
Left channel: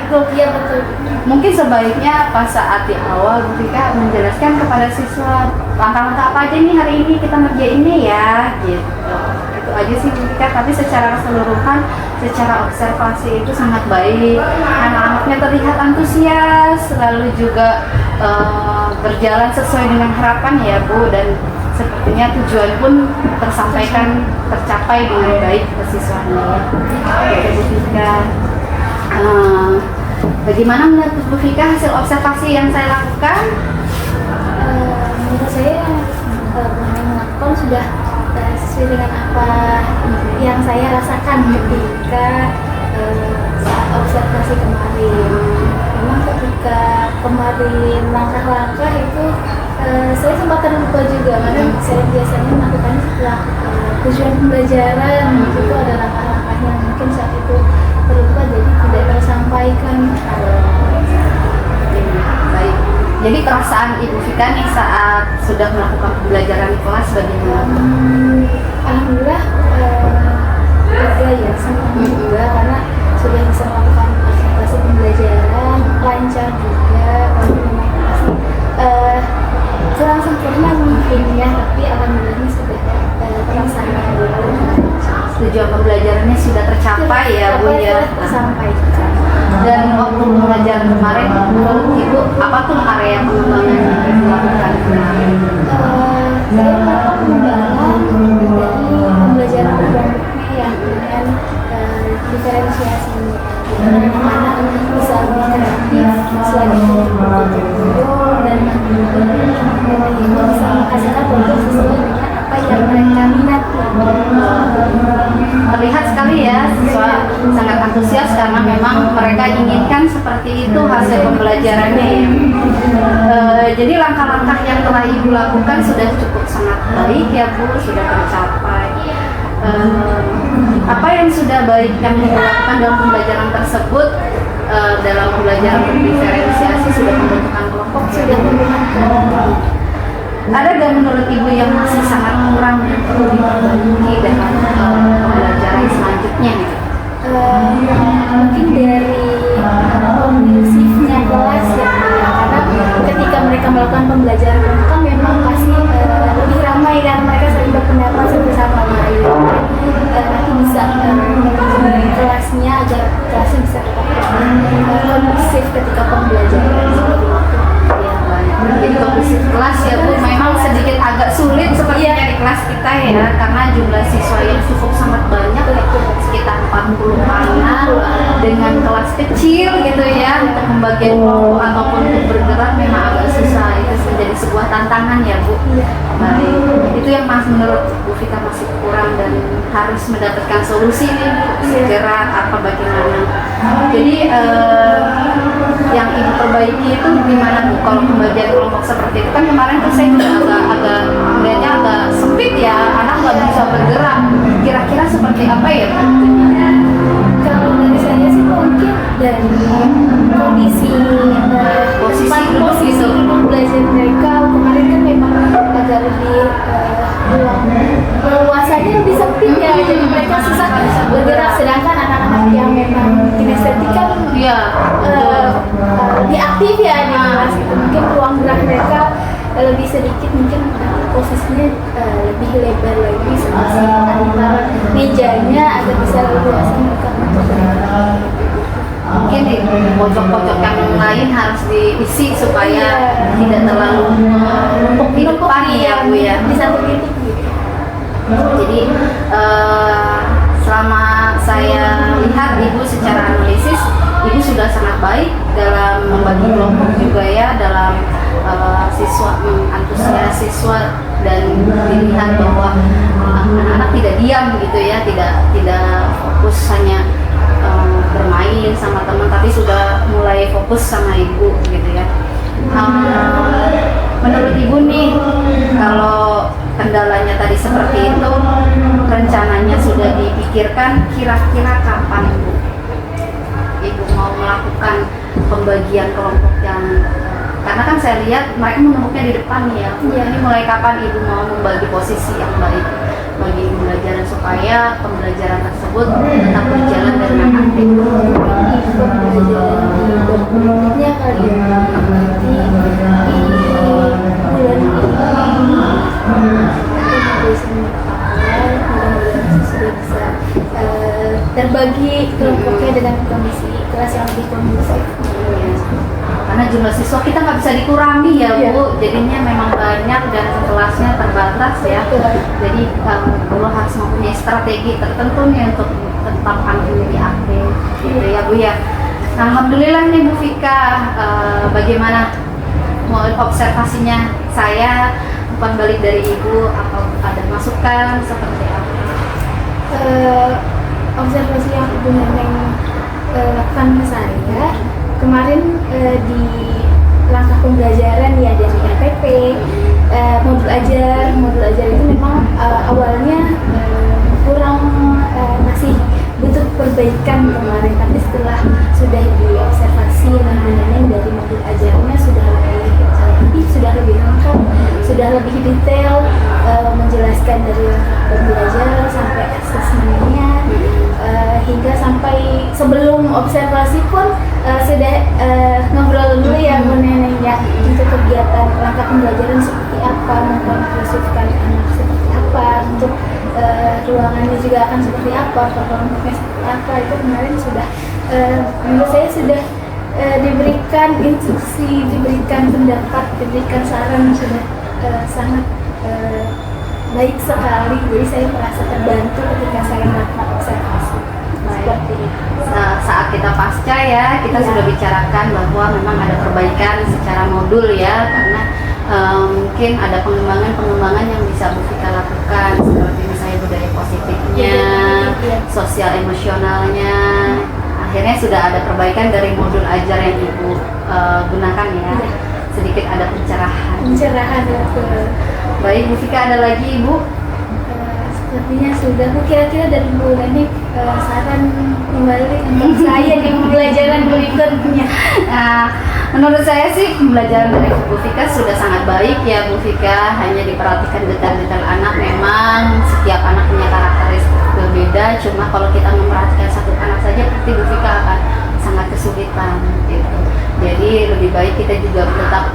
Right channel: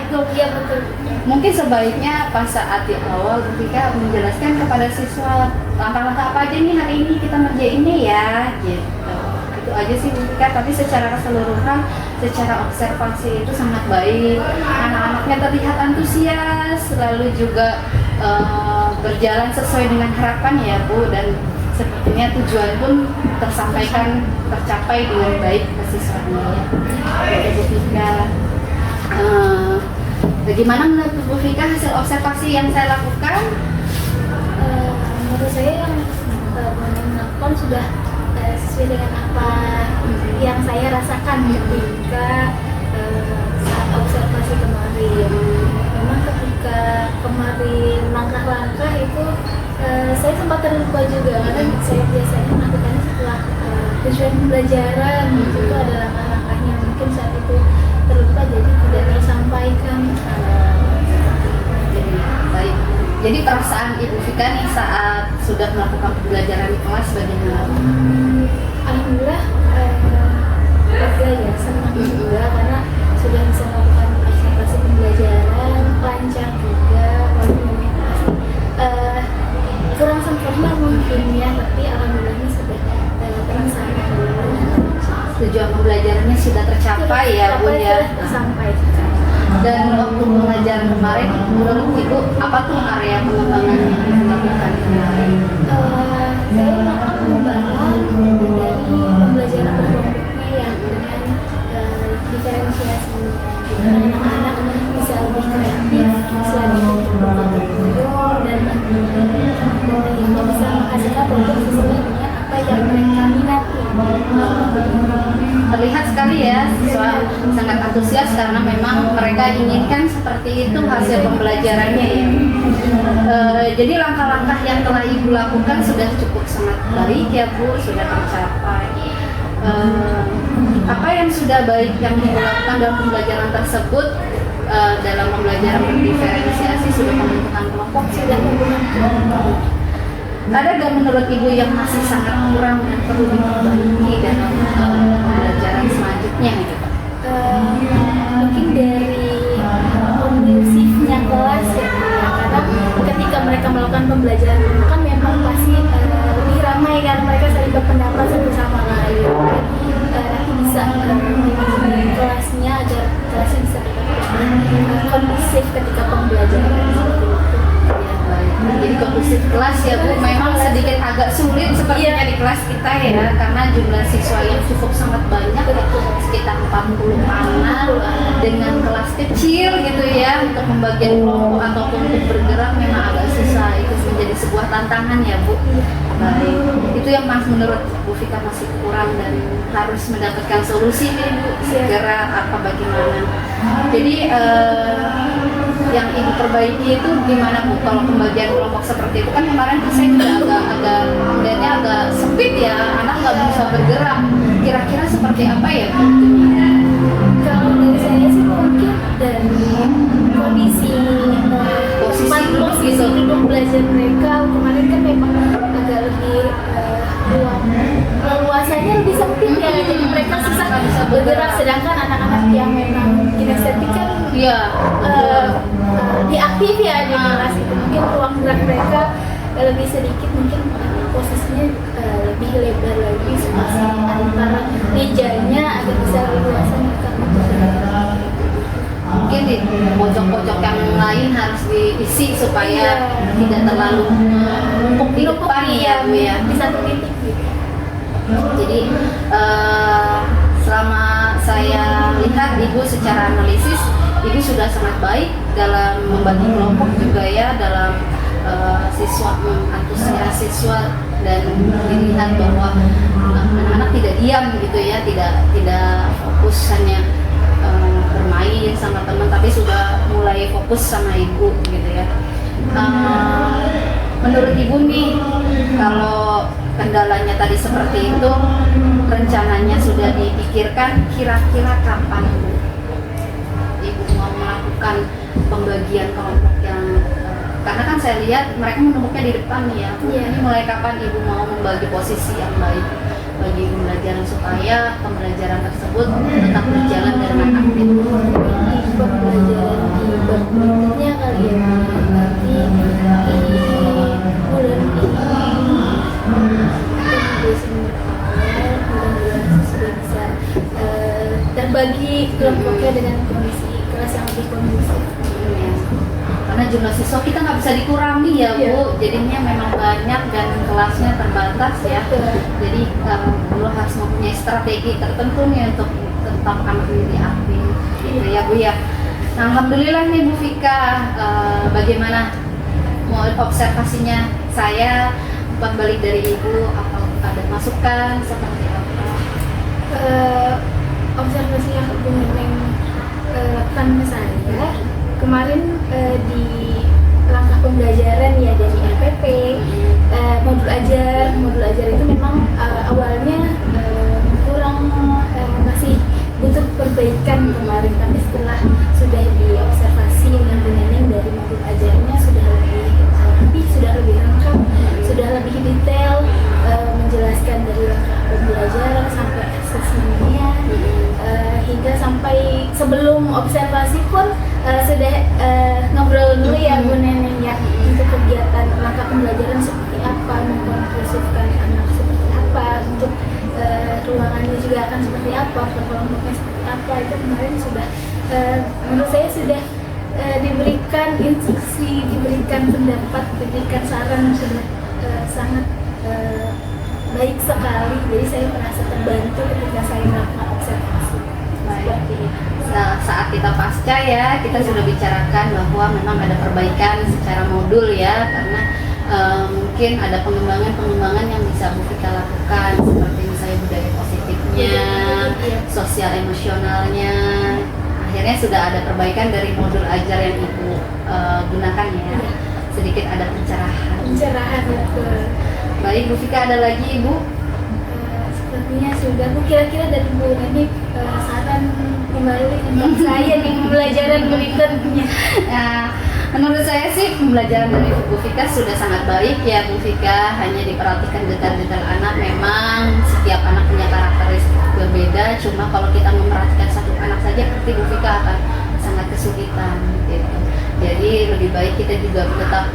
itu Iya betul. mungkin sebaiknya pas saat di awal Bu Fika menjelaskan kepada siswa langkah-langkah apa aja nih hari ini kita ngerjainnya ya, gitu. Itu aja sih Bu Fika. Tapi secara keseluruhan, secara observasi itu sangat baik. Anak-anaknya terlihat antusias, lalu juga berjalan sesuai dengan harapan ya Bu, dan sepertinya tujuan pun tercapai dengan baik ke siswanya. Oke Bu Fika, bagaimana menurut Bu Fika hasil observasi yang saya lakukan? Menurut saya yang melakukan sudah sesuai dengan apa yang saya rasakan ketika saat observasi kemarin. Memang ketika kemarin langkah-langkah itu saya sempat terlupa juga karena saya biasanya melakukannya setelah tujuan pembelajaran. Itu ada langkah-langkahnya, mungkin saat itu terlupa jadi tidak tersampaikan. Baik. Jadi perasaan Ibu Fika nih saat sudah melakukan pembelajaran di kelas bagaimana? Alhamdulillah lega ya, senang juga karena sudah bisa melakukan observasi pembelajaran lancar juga. Walaupun memang masih kurang sempurna mungkin ya, tapi alhamdulillahnya sudah terlaksana. Tujuan pembelajarannya sudah tercapai ya Bu ya. Sampai. Dan waktu pembelajaran kemarin menurut Ibu apa tuh area pengembangan yang dilakukan kemarin? Saya melakukan pengembangan dari pembelajaran berkelompoknya ya, dengan diferensiasinya. Anak-anak bisa lebih kreatif selain itu dan bisa menghasilkan produk sesuai dengan apa yang mereka minati. Terlihat sekali ya siswa sangat antusias karena memang mereka inginkan seperti itu hasil pembelajarannya ya. Jadi langkah-langkah yang telah Ibu lakukan sudah cukup sangat baik ya Bu, sudah tercapai. Apa yang sudah baik yang dilakukan dalam pembelajaran tersebut? Dalam pembelajaran berdiferensiasi sudah pembentukan kelompok, sudah pembentukan kelompok. Ada nggak menurut Ibu yang masih sangat kurang dan perlu diperbaiki dalam pembelajaran selanjutnya? Mungkin dari kondusifnya kelas ya, karena ketika mereka melakukan pembelajaran kan memang pasti lebih ramai karena mereka saling berpendapat satu sama lain. Nanti bisa manajemen kelasnya agar kelasnya bisa kondusif ketika pembelajaran. Jadi kondusif kelas ya Bu, memang sedikit agak sulit sepertinya di kelas kita ya, karena jumlah siswa yang cukup sangat banyak, sekitar 40 anak dengan kelas kecil gitu ya, untuk pembagian kelompok ataupun untuk bergerak memang agak susah. Itu menjadi sebuah tantangan ya Bu. Baik, itu yang menurut Bu Fika masih kurang dan harus mendapatkan solusi nih Bu, segera apa bagaimana. Jadi yang Ibu perbaiki itu gimana Bu? Kalau pembagian kelompok seperti itu kan kemarin tuh saya juga agak gerak mereka lebih sedikit, mungkin posisinya lebih lebar lagi antara mejanya agar bisa leluasa mereka untuk bergerak. Mungkin di pojok-pojok yang lain harus diisi supaya tidak terlalu menumpuk di depan ya Bu ya. Di satu titik gitu. Jadi selama saya lihat Ibu secara analisis, Ibu sudah sangat baik dalam membagi kelompok juga ya, dalam siswa mengantusias siswa, dan dilihat bahwa anak-anak tidak diam gitu ya, tidak fokus hanya bermain sama teman, tapi sudah mulai fokus sama Ibu gitu ya. Menurut Ibu nih, kalau kendalanya tadi seperti itu, rencananya sudah dipikirkan kira-kira kapan Ibu mau melakukan pembagian kelompok yang karena kan saya lihat mereka menumpuknya di depan nih ya. Ini mulai kapan Ibu mau membagi posisi yang baik bagi pembelajaran supaya pembelajaran tersebut tetap berjalan dengan aktif? Pembelajaran di berikutnya kali ya, nanti di bulan ini sudah bisa terbagi kelompoknya dengan kondisi kelas yang lebih kondusif. Karena jumlah siswa kita nggak bisa dikurangi ya Bu, jadinya memang banyak dan kelasnya terbatas ya. Jadi perlu harus mempunyai strategi tertentu nih untuk tetap anak menjadi aktif gitu ya Bu ya. Nah, alhamdulillah nih Bu Vika, bagaimana mau observasinya saya umpan balik dari Ibu, apa ada masukan seperti apa? Observasi yang Ibu Neneng lakukan ke saya kemarin di langkah pembelajaran ya dari RPP, modul ajar itu memang awalnya kurang, masih butuh perbaikan kemarin, tapi setelah sudah diobservasi Neneng dari modul ajarnya sudah lebih lengkap, sudah lebih detail, menjelaskan dari langkah pembelajaran sampai asesmennya, hingga sampai sebelum observasi pun sudah ngobrol dulu ya Bu Neneng ya, untuk kegiatan langkah pembelajaran seperti apa, mengkonklusifkan anak seperti apa, untuk ruangannya juga akan seperti apa, kelompoknya seperti apa, itu kemarin sudah menurut saya sudah diberikan instruksi, diberikan pendapat, diberikan saran, sudah sangat baik sekali. Jadi saya merasa terbantu ketika saya melakukan observasi seperti itu. Saat kita pasca ya, kita sudah bicarakan bahwa memang ada perbaikan secara modul ya, karena mungkin ada pengembangan yang bisa Bu Vika lakukan, seperti misalnya budaya positifnya, sosial emosionalnya. Akhirnya sudah ada perbaikan dari modul ajar yang Ibu gunakan ya. Sedikit ada pencerahan. Baik Bu Vika, ada lagi Ibu? Sepertinya sudah. Kira-kira dari Bu Neneng saran kembali untuk saya di pembelajaran berikutnya. Nah, menurut saya sih pembelajaran dari Bu Vika sudah sangat baik ya Bu Vika. Hanya diperhatikan detail-detail anak. Memang setiap anak punya karakteristik berbeda. Cuma kalau kita memperhatikan satu anak saja, pasti Bu Vika akan sangat kesulitan gitu. Jadi lebih baik kita juga tetap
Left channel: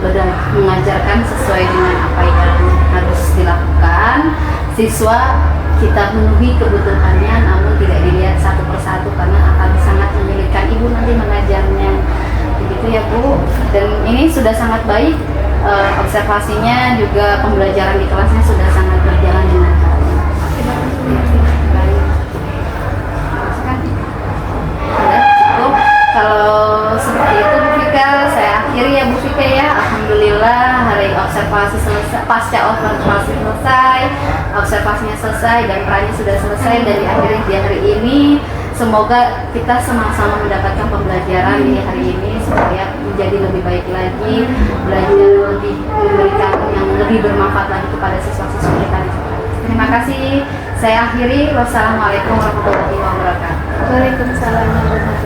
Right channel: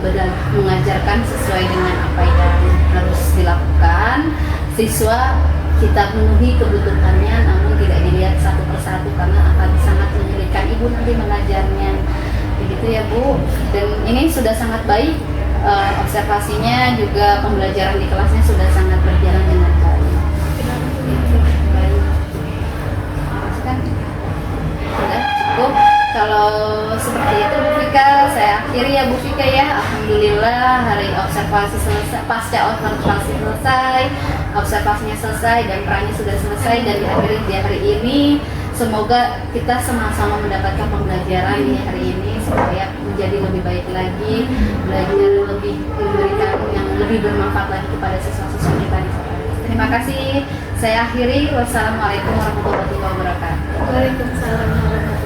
mengajarkan sesuai dengan apa yang harus dilakukan. Siswa kita penuhi kebutuhannya, namun tidak dilihat satu persatu karena akan sangat menyulitkan Ibu nanti mengajarnya. Begitu ya Bu. Dan ini sudah sangat baik, observasinya juga pembelajaran di kelasnya sudah sangat berjalan dengan baik. Baik. Sudah cukup. Kalau seperti itu Bu Vika, saya akhiri ya Bu Vika ya. Alhamdulillah hari observasi selesai, pasca observasi selesai, observasinya selesai dan perannya sudah selesai, dan diakhiri di hari ini. Semoga kita sama-sama mendapatkan pembelajaran di hari ini supaya menjadi lebih baik lagi, belajar lebih, memberikan yang lebih bermanfaat lagi kepada siswa-siswa kita. Terima kasih. Saya akhiri. Wassalamualaikum warahmatullahi wabarakatuh. Waalaikumsalam warahmatullahi wabarakatuh.